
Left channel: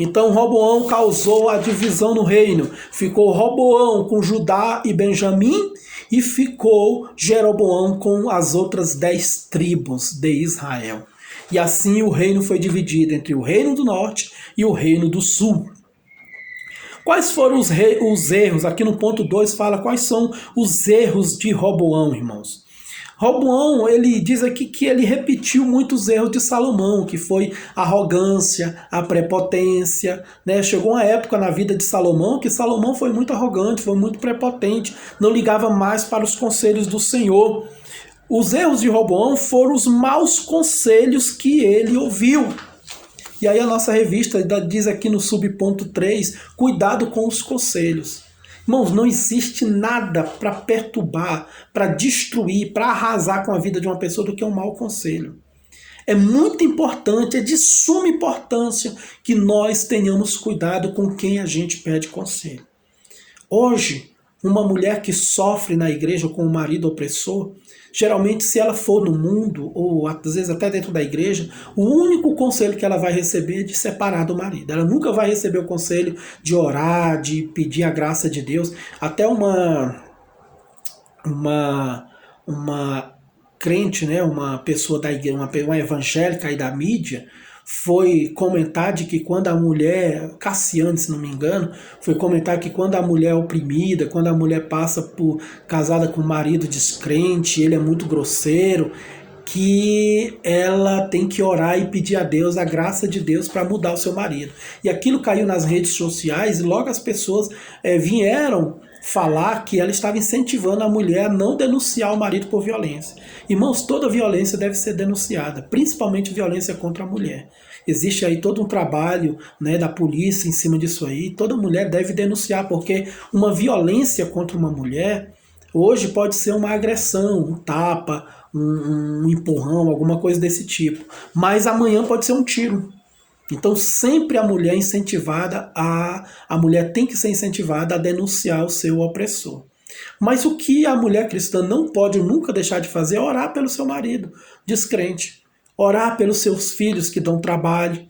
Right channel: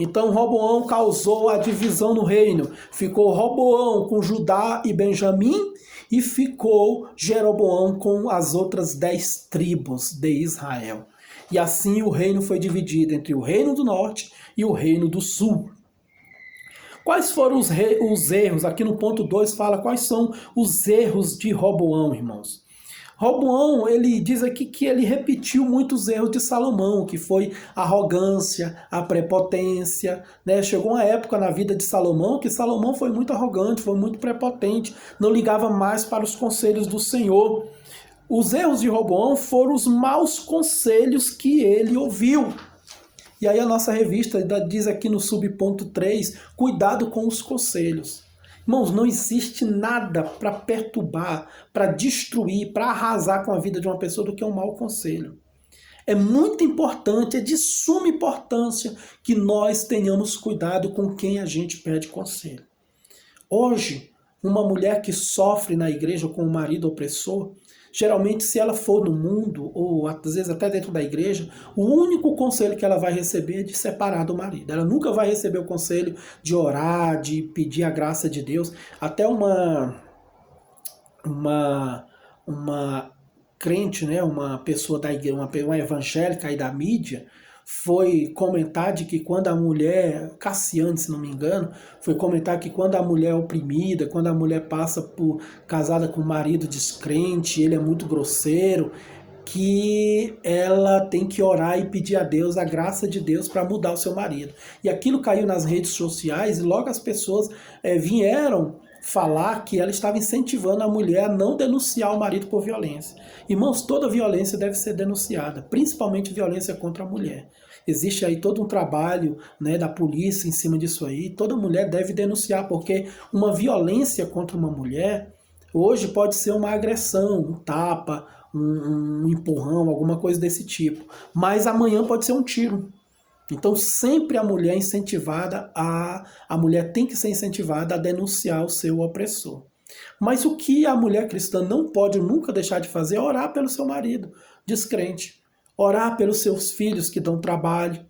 Então Roboão causou a divisão no reino. Ficou Roboão com Judá e Benjamim, e ficou Jeroboão com as outras 10 tribos de Israel. E assim o reino foi dividido entre o reino do norte e o reino do sul. Quais foram os erros? Aqui no ponto 2 fala quais são os erros de Roboão, irmãos. Roboão, ele diz aqui que ele repetiu muitos erros de Salomão, que foi a arrogância, a prepotência, né? Chegou uma época na vida de Salomão que Salomão foi muito arrogante, foi muito prepotente, não ligava mais para os conselhos do Senhor. Os erros de Roboão foram os maus conselhos que ele ouviu. E aí a nossa revista diz aqui no subponto 3, cuidado com os conselhos. Irmãos, não existe nada para perturbar, para destruir, para arrasar com a vida de uma pessoa do que um mau conselho. É muito importante, é de suma importância que nós tenhamos cuidado com quem a gente pede conselho. Hoje, uma mulher que sofre na igreja com um marido opressor, geralmente se ela for no mundo, ou às vezes até dentro da igreja, o único conselho que ela vai receber é de separar do marido. Ela nunca vai receber o conselho de orar, de pedir a graça de Deus. Até uma crente, né, uma pessoa da igreja, uma evangélica aí da mídia, foi comentar de que quando a mulher, Cassiane, se não me engano, foi comentar que quando a mulher é oprimida, quando a mulher passa por casada com um marido descrente, ele é muito grosseiro, que ela tem que orar e pedir a Deus a graça de Deus para mudar o seu marido. E aquilo caiu nas redes sociais e logo as pessoas vieram falar que ela estava incentivando a mulher a não denunciar o marido por violência. Irmãos, toda violência deve ser denunciada, principalmente violência contra a mulher. Existe aí todo um trabalho, né, da polícia em cima disso aí. Toda mulher deve denunciar, porque uma violência contra uma mulher hoje pode ser uma agressão, um tapa, um empurrão, alguma coisa desse tipo. Mas amanhã pode ser um tiro. Então sempre a mulher incentivada, a mulher tem que ser incentivada a denunciar o seu opressor. Mas o que a mulher cristã não pode nunca deixar de fazer é orar pelo seu marido descrente, orar pelos seus filhos que dão trabalho.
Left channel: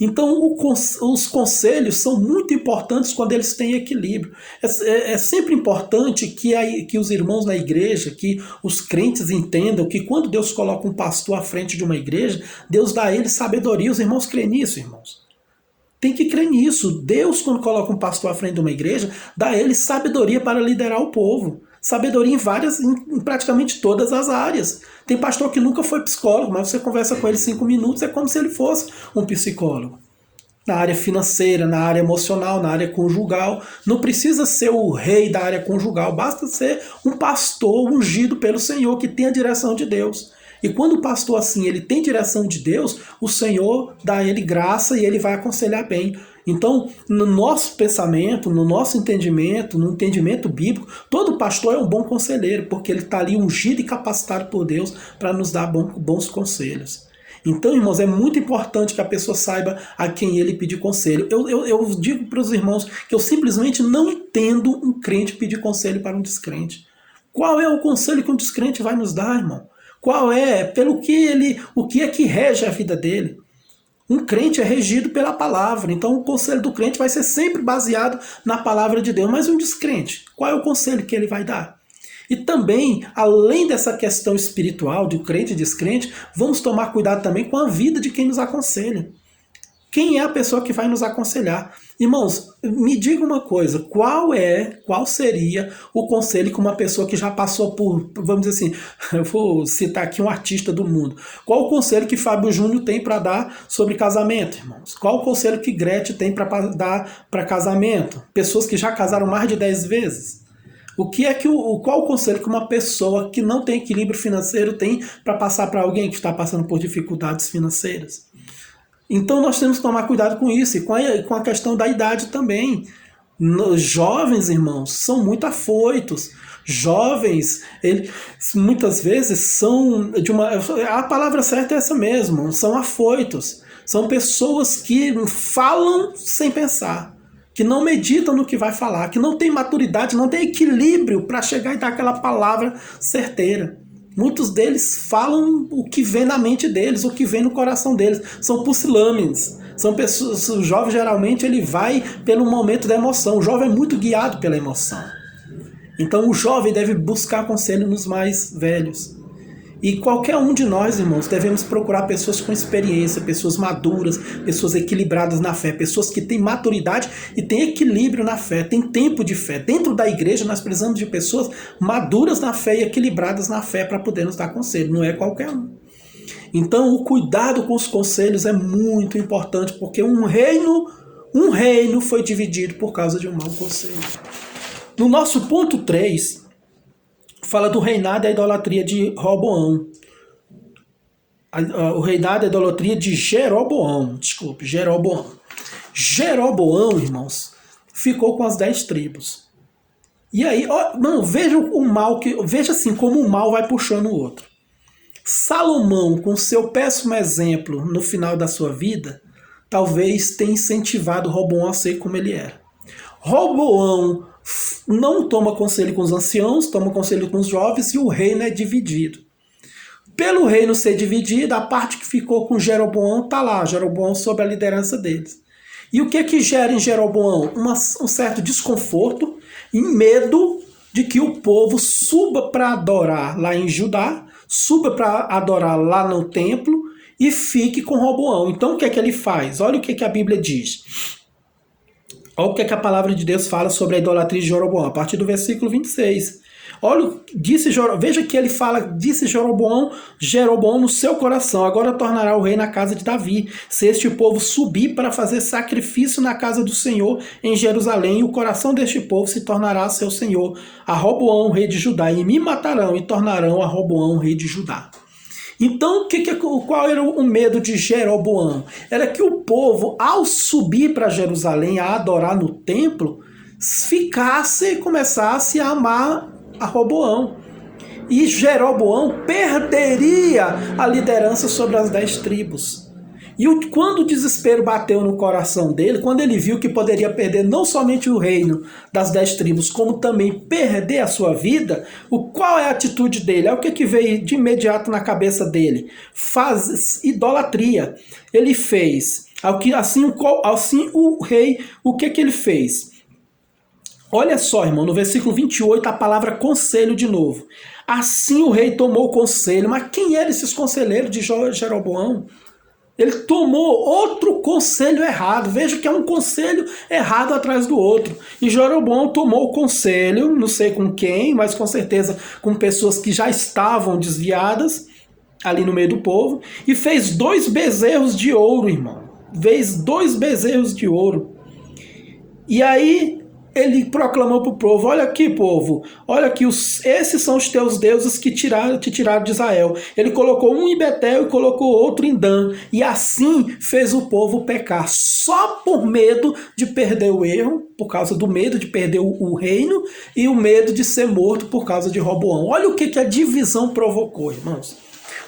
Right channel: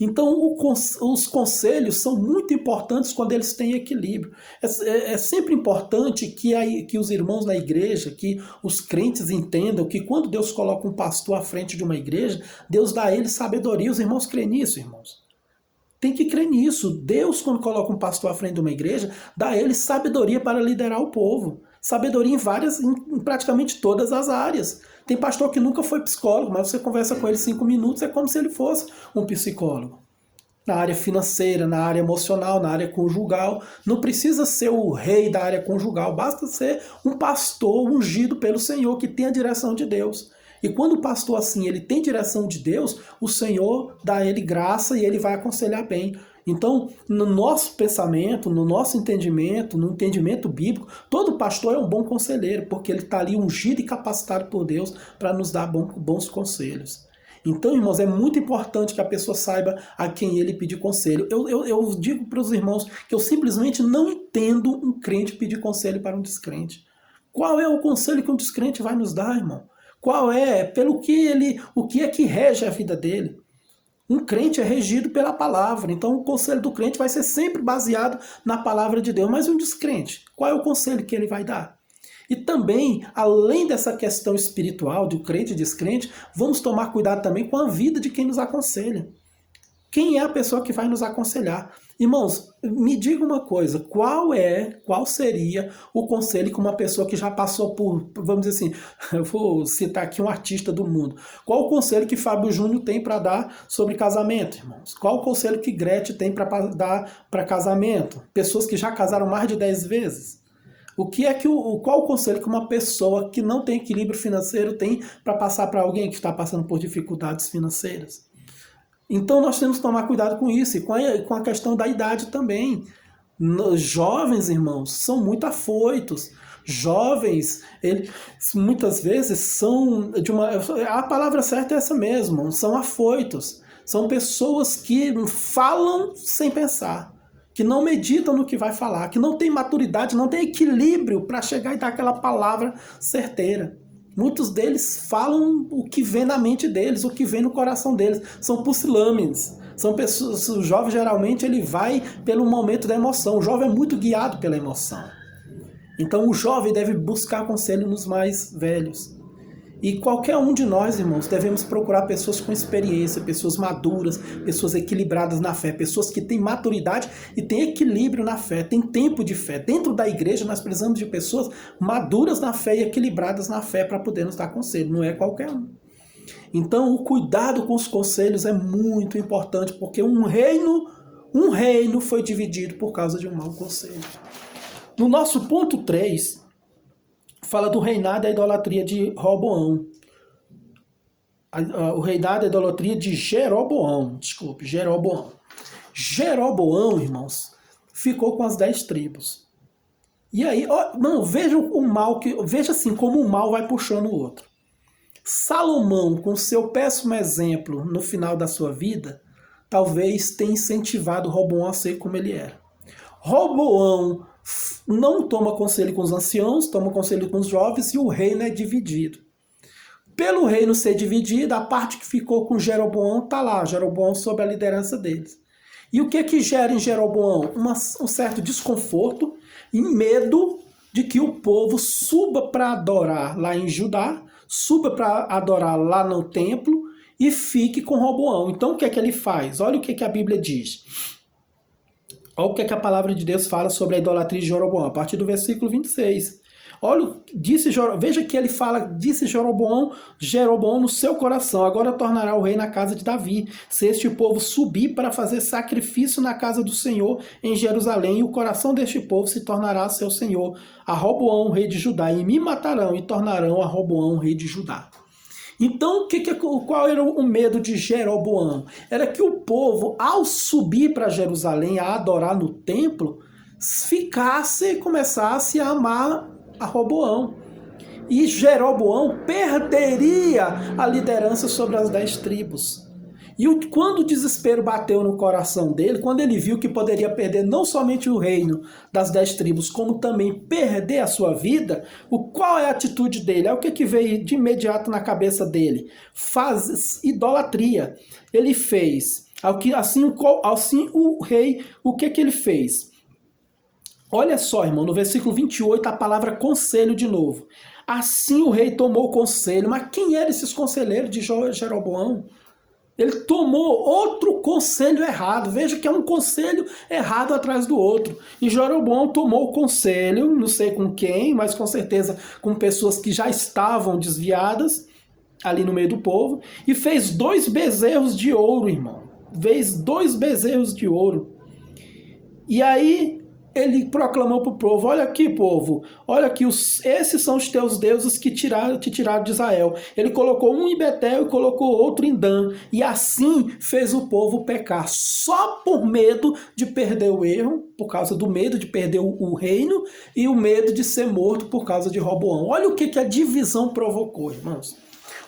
Então os conselhos são muito importantes quando eles têm equilíbrio. É sempre importante que os irmãos na igreja, que os crentes entendam que quando Deus coloca um pastor à frente de uma igreja, Deus dá a ele sabedoria. Os irmãos creem nisso, irmãos. Tem que crer nisso. Deus, quando coloca um pastor à frente de uma igreja, dá a ele sabedoria para liderar o povo. Sabedoria em praticamente todas as áreas. Tem pastor que nunca foi psicólogo, mas você conversa com ele 5 minutos, é como se ele fosse um psicólogo. Na área financeira, na área emocional, na área conjugal. Não precisa ser o rei da área conjugal, basta ser um pastor ungido pelo Senhor, que tem a direção de Deus. E quando o pastor assim, ele tem direção de Deus, o Senhor dá a ele graça e ele vai aconselhar bem. Então, no nosso pensamento, no nosso entendimento, no entendimento bíblico, todo pastor é um bom conselheiro, porque ele está ali ungido e capacitado por Deus para nos dar bons conselhos. Então, irmãos, é muito importante que a pessoa saiba a quem ele pedir conselho. Eu digo para os irmãos que eu simplesmente não entendo um crente pedir conselho para um descrente. Qual é o conselho que um descrente vai nos dar, irmão? Qual é? O que é que rege a vida dele? Um crente é regido pela palavra, então o conselho do crente vai ser sempre baseado na palavra de Deus. Mas um descrente, qual é o conselho que ele vai dar? E também, além dessa questão espiritual de crente e descrente, vamos tomar cuidado também com a vida de quem nos aconselha. Quem é a pessoa que vai nos aconselhar? Irmãos, me diga uma coisa, qual seria o conselho que uma pessoa que já passou por, vamos dizer assim, eu vou citar aqui um artista do mundo, qual o conselho que Fábio Júnior tem para dar sobre casamento, irmãos? Qual o conselho que Gretchen tem para dar para casamento? Pessoas que já casaram mais de 10 vezes. Qual o conselho que uma pessoa que não tem equilíbrio financeiro tem para passar para alguém que está passando por dificuldades financeiras? Então nós temos que tomar cuidado com isso e com a questão da idade também. Os jovens, irmãos, são muito afoitos. Jovens, muitas vezes são a palavra certa é essa mesmo, são afoitos. São pessoas que falam sem pensar, que não meditam no que vai falar, que não tem maturidade, não tem equilíbrio para chegar e dar aquela palavra certeira. Muitos deles falam o que vem na mente deles, o que vem no coração deles. São pusilânimes. São pessoas, o jovem geralmente ele vai pelo momento da emoção. O jovem é muito guiado pela emoção. Então o jovem deve buscar conselho nos mais velhos. E qualquer um de nós, irmãos, devemos procurar pessoas com experiência, pessoas maduras, pessoas equilibradas na fé, pessoas que têm maturidade e têm equilíbrio na fé, têm tempo de fé. Dentro da igreja nós precisamos de pessoas maduras na fé e equilibradas na fé para poder nos dar conselho, não é qualquer um. Então o cuidado com os conselhos é muito importante, porque um reino foi dividido por causa de um mau conselho. No nosso ponto 3, fala do reinado e a idolatria de Roboão. O reinado e a idolatria de Jeroboão. Jeroboão, irmãos, ficou com as 10 tribos. E aí, veja assim como um mal vai puxando o outro. Salomão, com seu péssimo exemplo no final da sua vida, talvez tenha incentivado Roboão a ser como ele era. Roboão não toma conselho com os anciãos, toma conselho com os jovens e o reino é dividido. Pelo reino ser dividido, a parte que ficou com Jeroboão está lá, Jeroboão sob a liderança deles. E o que gera em Jeroboão? Um certo desconforto e medo de que o povo suba para adorar lá em Judá, suba para adorar lá no templo e fique com Roboão. Então o que ele faz? Olha o que a Bíblia diz. Olha o que a palavra de Deus fala sobre a idolatria de Jeroboão, a partir do versículo 26. Olha, veja que ele fala, disse Jeroboão no seu coração, agora tornará o rei na casa de Davi, se este povo subir para fazer sacrifício na casa do Senhor em Jerusalém, e o coração deste povo se tornará seu senhor, a Roboão, rei de Judá, e me matarão e tornarão a Roboão, rei de Judá. Então, qual era o medo de Jeroboão? Era que o povo, ao subir para Jerusalém a adorar no templo, começasse a amar a Roboão. E Jeroboão perderia a liderança sobre as 10 tribos. E quando o desespero bateu no coração dele, quando ele viu que poderia perder não somente o reino das 10 tribos, como também perder a sua vida, qual é a atitude dele? É o que veio de imediato na cabeça dele? Faz idolatria. Ele fez. Assim o rei, o que ele fez? Olha só, irmão, no versículo 28, a palavra conselho de novo. Assim o rei tomou conselho. Mas quem eram esses conselheiros de Jeroboão? Ele tomou outro conselho errado. Veja que é um conselho errado atrás do outro. E Jeroboão tomou o conselho, não sei com quem, mas com certeza com pessoas que já estavam desviadas ali no meio do povo, e fez 2 bezerros de ouro, irmão. Fez 2 bezerros de ouro. E aí ele proclamou para o povo, olha aqui, povo, olha aqui, esses são os teus deuses que te tiraram de Israel. Ele colocou um em Betel e colocou outro em Dan, e assim fez o povo pecar, só por medo de perder o erro, por causa do medo de perder o reino, e o medo de ser morto por causa de Roboão. Olha o que a divisão provocou, irmãos.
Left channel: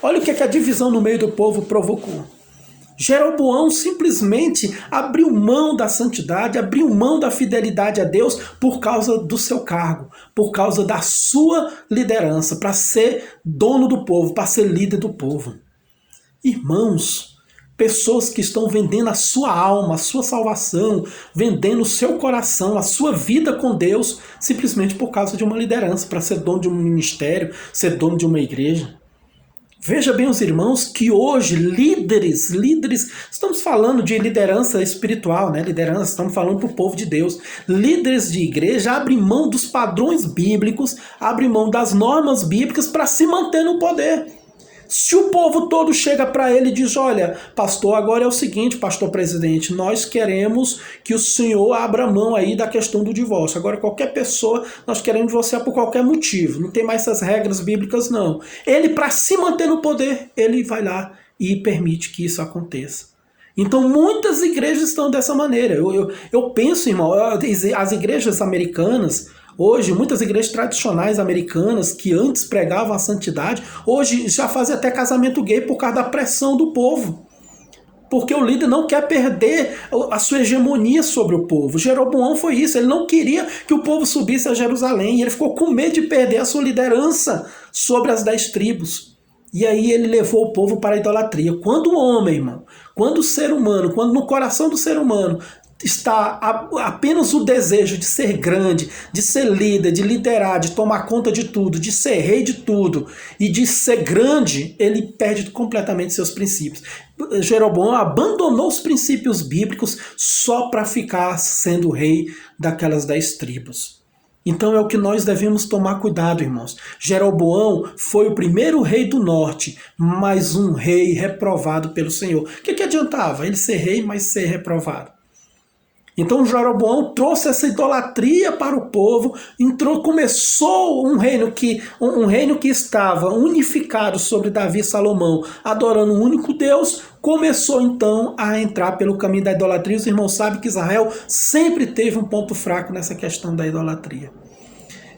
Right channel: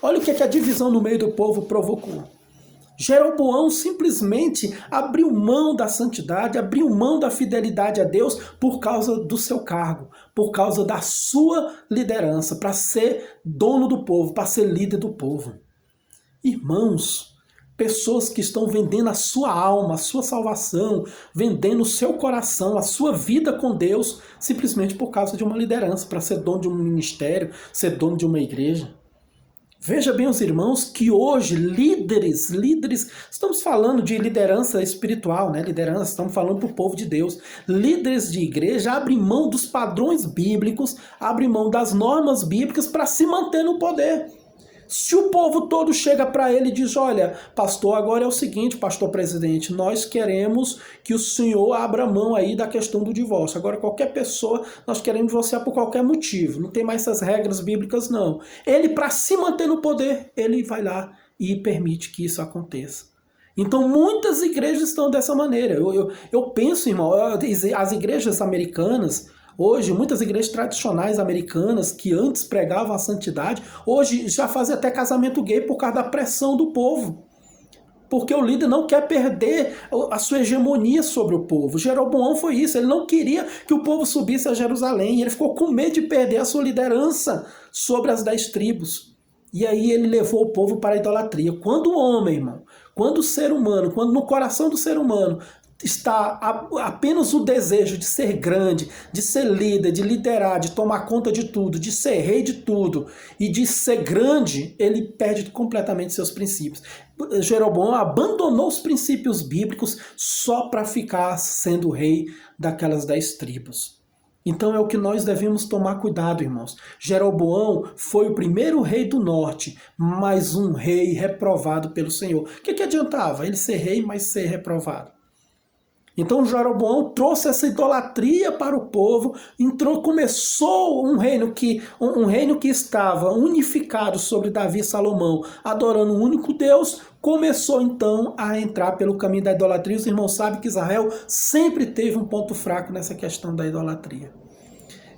Olha o que a divisão no meio do povo provocou. Jeroboão simplesmente abriu mão da santidade, abriu mão da fidelidade a Deus por causa do seu cargo, por causa da sua liderança, para ser dono do povo, para ser líder do povo. Irmãos, Pessoas que estão vendendo a sua alma, a sua salvação, vendendo o seu coração, a sua vida com Deus, simplesmente por causa de uma liderança, para ser dono de um ministério, ser dono de uma igreja. Veja bem, os irmãos, que hoje líderes, estamos falando de liderança espiritual, né? Liderança, estamos falando para o povo de Deus. Líderes de igreja abrem mão dos padrões bíblicos, abrem mão das normas bíblicas para se manter no poder. Se o povo todo chega para ele e diz, olha, pastor, agora é o seguinte, pastor presidente, nós queremos que o senhor abra mão aí da questão do divórcio. Agora, qualquer pessoa, nós queremos divorciar por qualquer motivo. Não tem mais essas regras bíblicas, não. Ele, para se manter no poder, ele vai lá e permite que isso aconteça. Então, muitas igrejas estão dessa maneira. Eu penso, irmão, as igrejas americanas, hoje, muitas igrejas tradicionais americanas que antes pregavam a santidade, hoje já fazem até casamento gay por causa da pressão do povo. Porque o líder não quer perder a sua hegemonia sobre o povo. Jeroboão foi isso, ele não queria que o povo subisse a Jerusalém, ele ficou com medo de perder a sua liderança sobre as 10 tribos. E aí ele levou o povo para a idolatria. Quando o homem, irmão, quando o ser humano, quando no coração do ser humano está apenas o desejo de ser grande, de ser líder, de liderar, de tomar conta de tudo, de ser rei de tudo e de ser grande, ele perde completamente seus princípios. Jeroboão abandonou os princípios bíblicos só para ficar sendo rei daquelas 10 tribos. Então é o que nós devemos tomar cuidado, irmãos. Jeroboão foi o primeiro rei do norte, mas um rei reprovado pelo Senhor. O que adiantava ele ser rei, mas ser reprovado? Então Jeroboão trouxe essa idolatria para o povo, começou um reino que estava unificado sobre Davi e Salomão, adorando um único Deus, começou então a entrar pelo caminho da idolatria. Os irmãos sabem que Israel sempre teve um ponto fraco nessa questão da idolatria.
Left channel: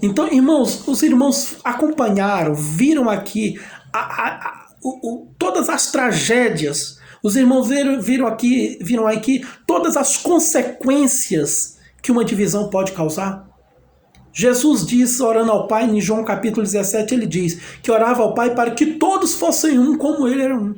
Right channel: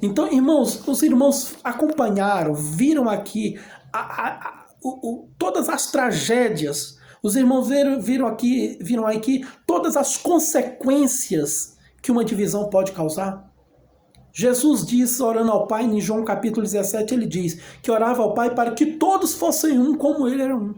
Então, irmãos, os irmãos acompanharam, viram aqui todas as tragédias. Os irmãos viram aqui todas as consequências que uma divisão pode causar. Jesus diz, orando ao Pai, em João capítulo 17, ele diz que orava ao Pai para que todos fossem um como ele era um.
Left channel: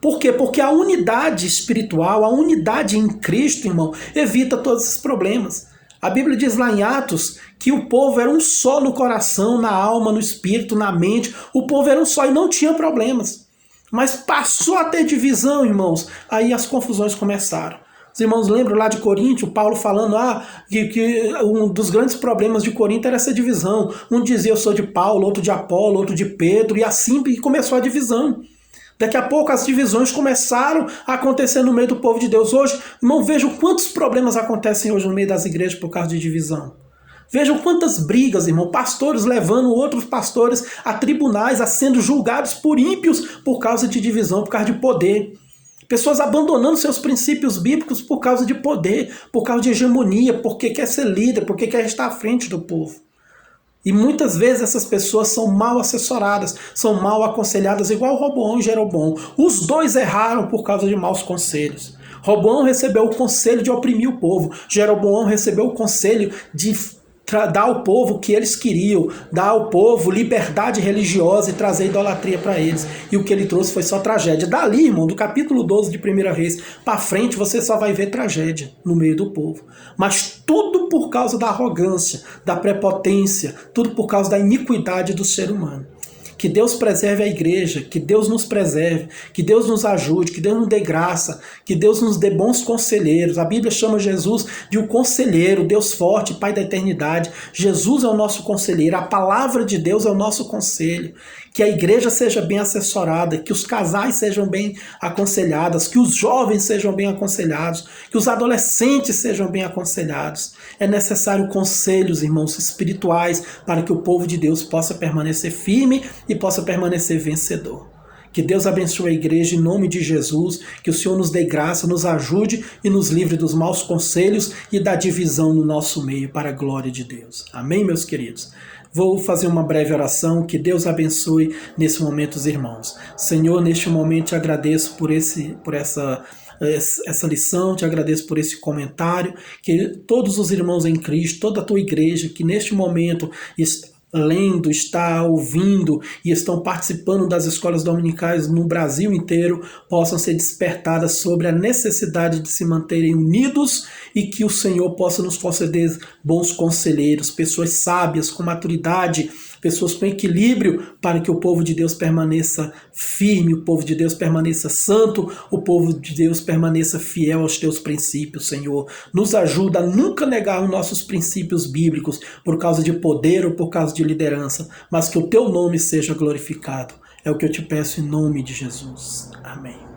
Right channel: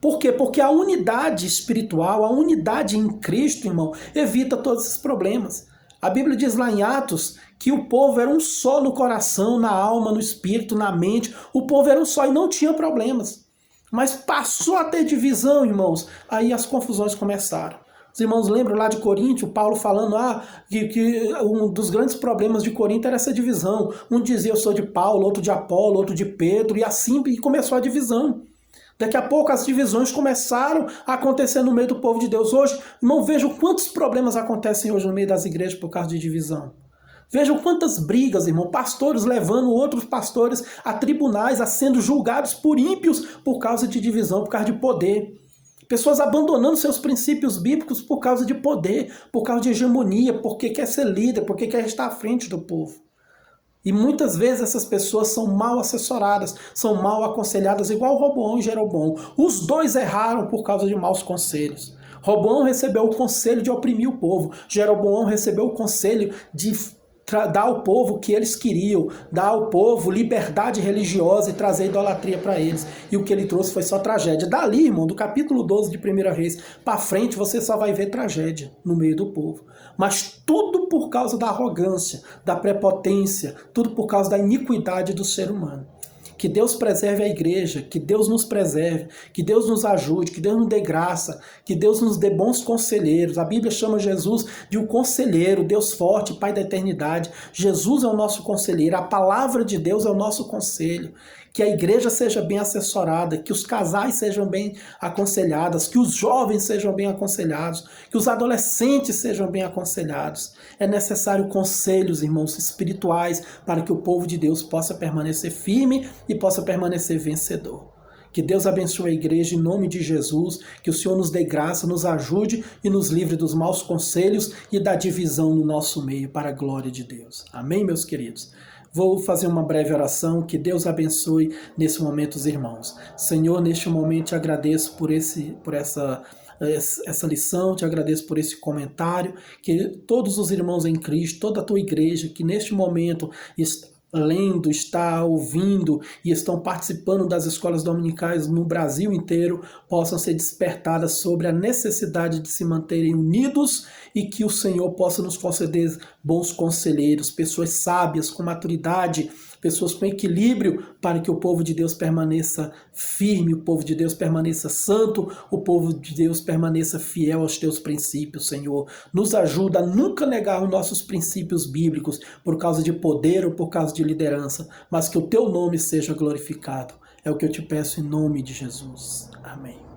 Por quê? Porque a unidade espiritual, a unidade em Cristo, irmão, evita todos esses problemas. A Bíblia diz lá em Atos que o povo era um só no coração, na alma, no espírito, na mente. O povo era um só e não tinha problemas. Mas passou a ter divisão, irmãos. Aí as confusões começaram. Os irmãos lembram lá de Corinto, Paulo falando que um dos grandes problemas de Corinto era essa divisão. Um dizia eu sou de Paulo, outro de Apolo, outro de Pedro, e assim começou a divisão. Daqui a pouco as divisões começaram a acontecer no meio do povo de Deus. Hoje, irmão, vejam quantos problemas acontecem hoje no meio das igrejas por causa de divisão. Vejam quantas brigas, irmão, pastores levando outros pastores a tribunais, a sendo julgados por ímpios por causa de divisão, por causa de poder. Pessoas abandonando seus princípios bíblicos por causa de poder, por causa de hegemonia, porque quer ser líder, porque quer estar à frente do povo. E muitas vezes essas pessoas são mal assessoradas, são mal aconselhadas, igual Roboão e Jeroboão. Os dois erraram por causa de maus conselhos. Roboão recebeu o conselho de oprimir o povo. Jeroboão recebeu o conselho de dar ao povo o que eles queriam, dar ao povo liberdade religiosa e trazer idolatria para eles. E o que ele trouxe foi só tragédia. Dali, irmão, do capítulo 12 de 1 Reis para frente, você só vai ver tragédia no meio do povo. Mas tudo por causa da arrogância, da prepotência, tudo por causa da iniquidade do ser humano. Que Deus preserve a igreja, que Deus nos preserve, que Deus nos ajude, que Deus nos dê graça, que Deus nos dê bons conselheiros. A Bíblia chama Jesus de um conselheiro, Deus forte, Pai da eternidade. Jesus é o nosso conselheiro, a palavra de Deus é o nosso conselho. Que a igreja seja bem assessorada, que os casais sejam bem aconselhados, que os jovens sejam bem aconselhados, que os adolescentes sejam bem aconselhados. É necessário conselhos, irmãos, espirituais, para que o povo de Deus possa permanecer firme e possa permanecer vencedor. Que Deus abençoe a igreja em nome de Jesus, que o Senhor nos dê graça, nos ajude e nos livre dos maus conselhos e da divisão no nosso meio, para a glória de Deus. Amém, meus queridos? Vou fazer uma breve oração, que Deus abençoe nesse momento os irmãos. Senhor, neste momento te agradeço por essa lição, te agradeço por esse comentário, que todos os irmãos em Cristo, toda a tua igreja, que neste momento lendo, está ouvindo e estão participando das escolas dominicais no Brasil inteiro possam ser despertadas sobre a necessidade de se manterem unidos e que o Senhor possa nos conceder bons conselheiros, pessoas sábias, com maturidade, pessoas com equilíbrio, para que o povo de Deus permaneça firme, o povo de Deus permaneça santo, o povo de Deus permaneça fiel aos teus princípios, Senhor. Nos ajuda a nunca negar os nossos princípios bíblicos por causa de poder ou por causa de liderança, mas que o teu nome seja glorificado. É o que eu te peço em nome de Jesus. Amém.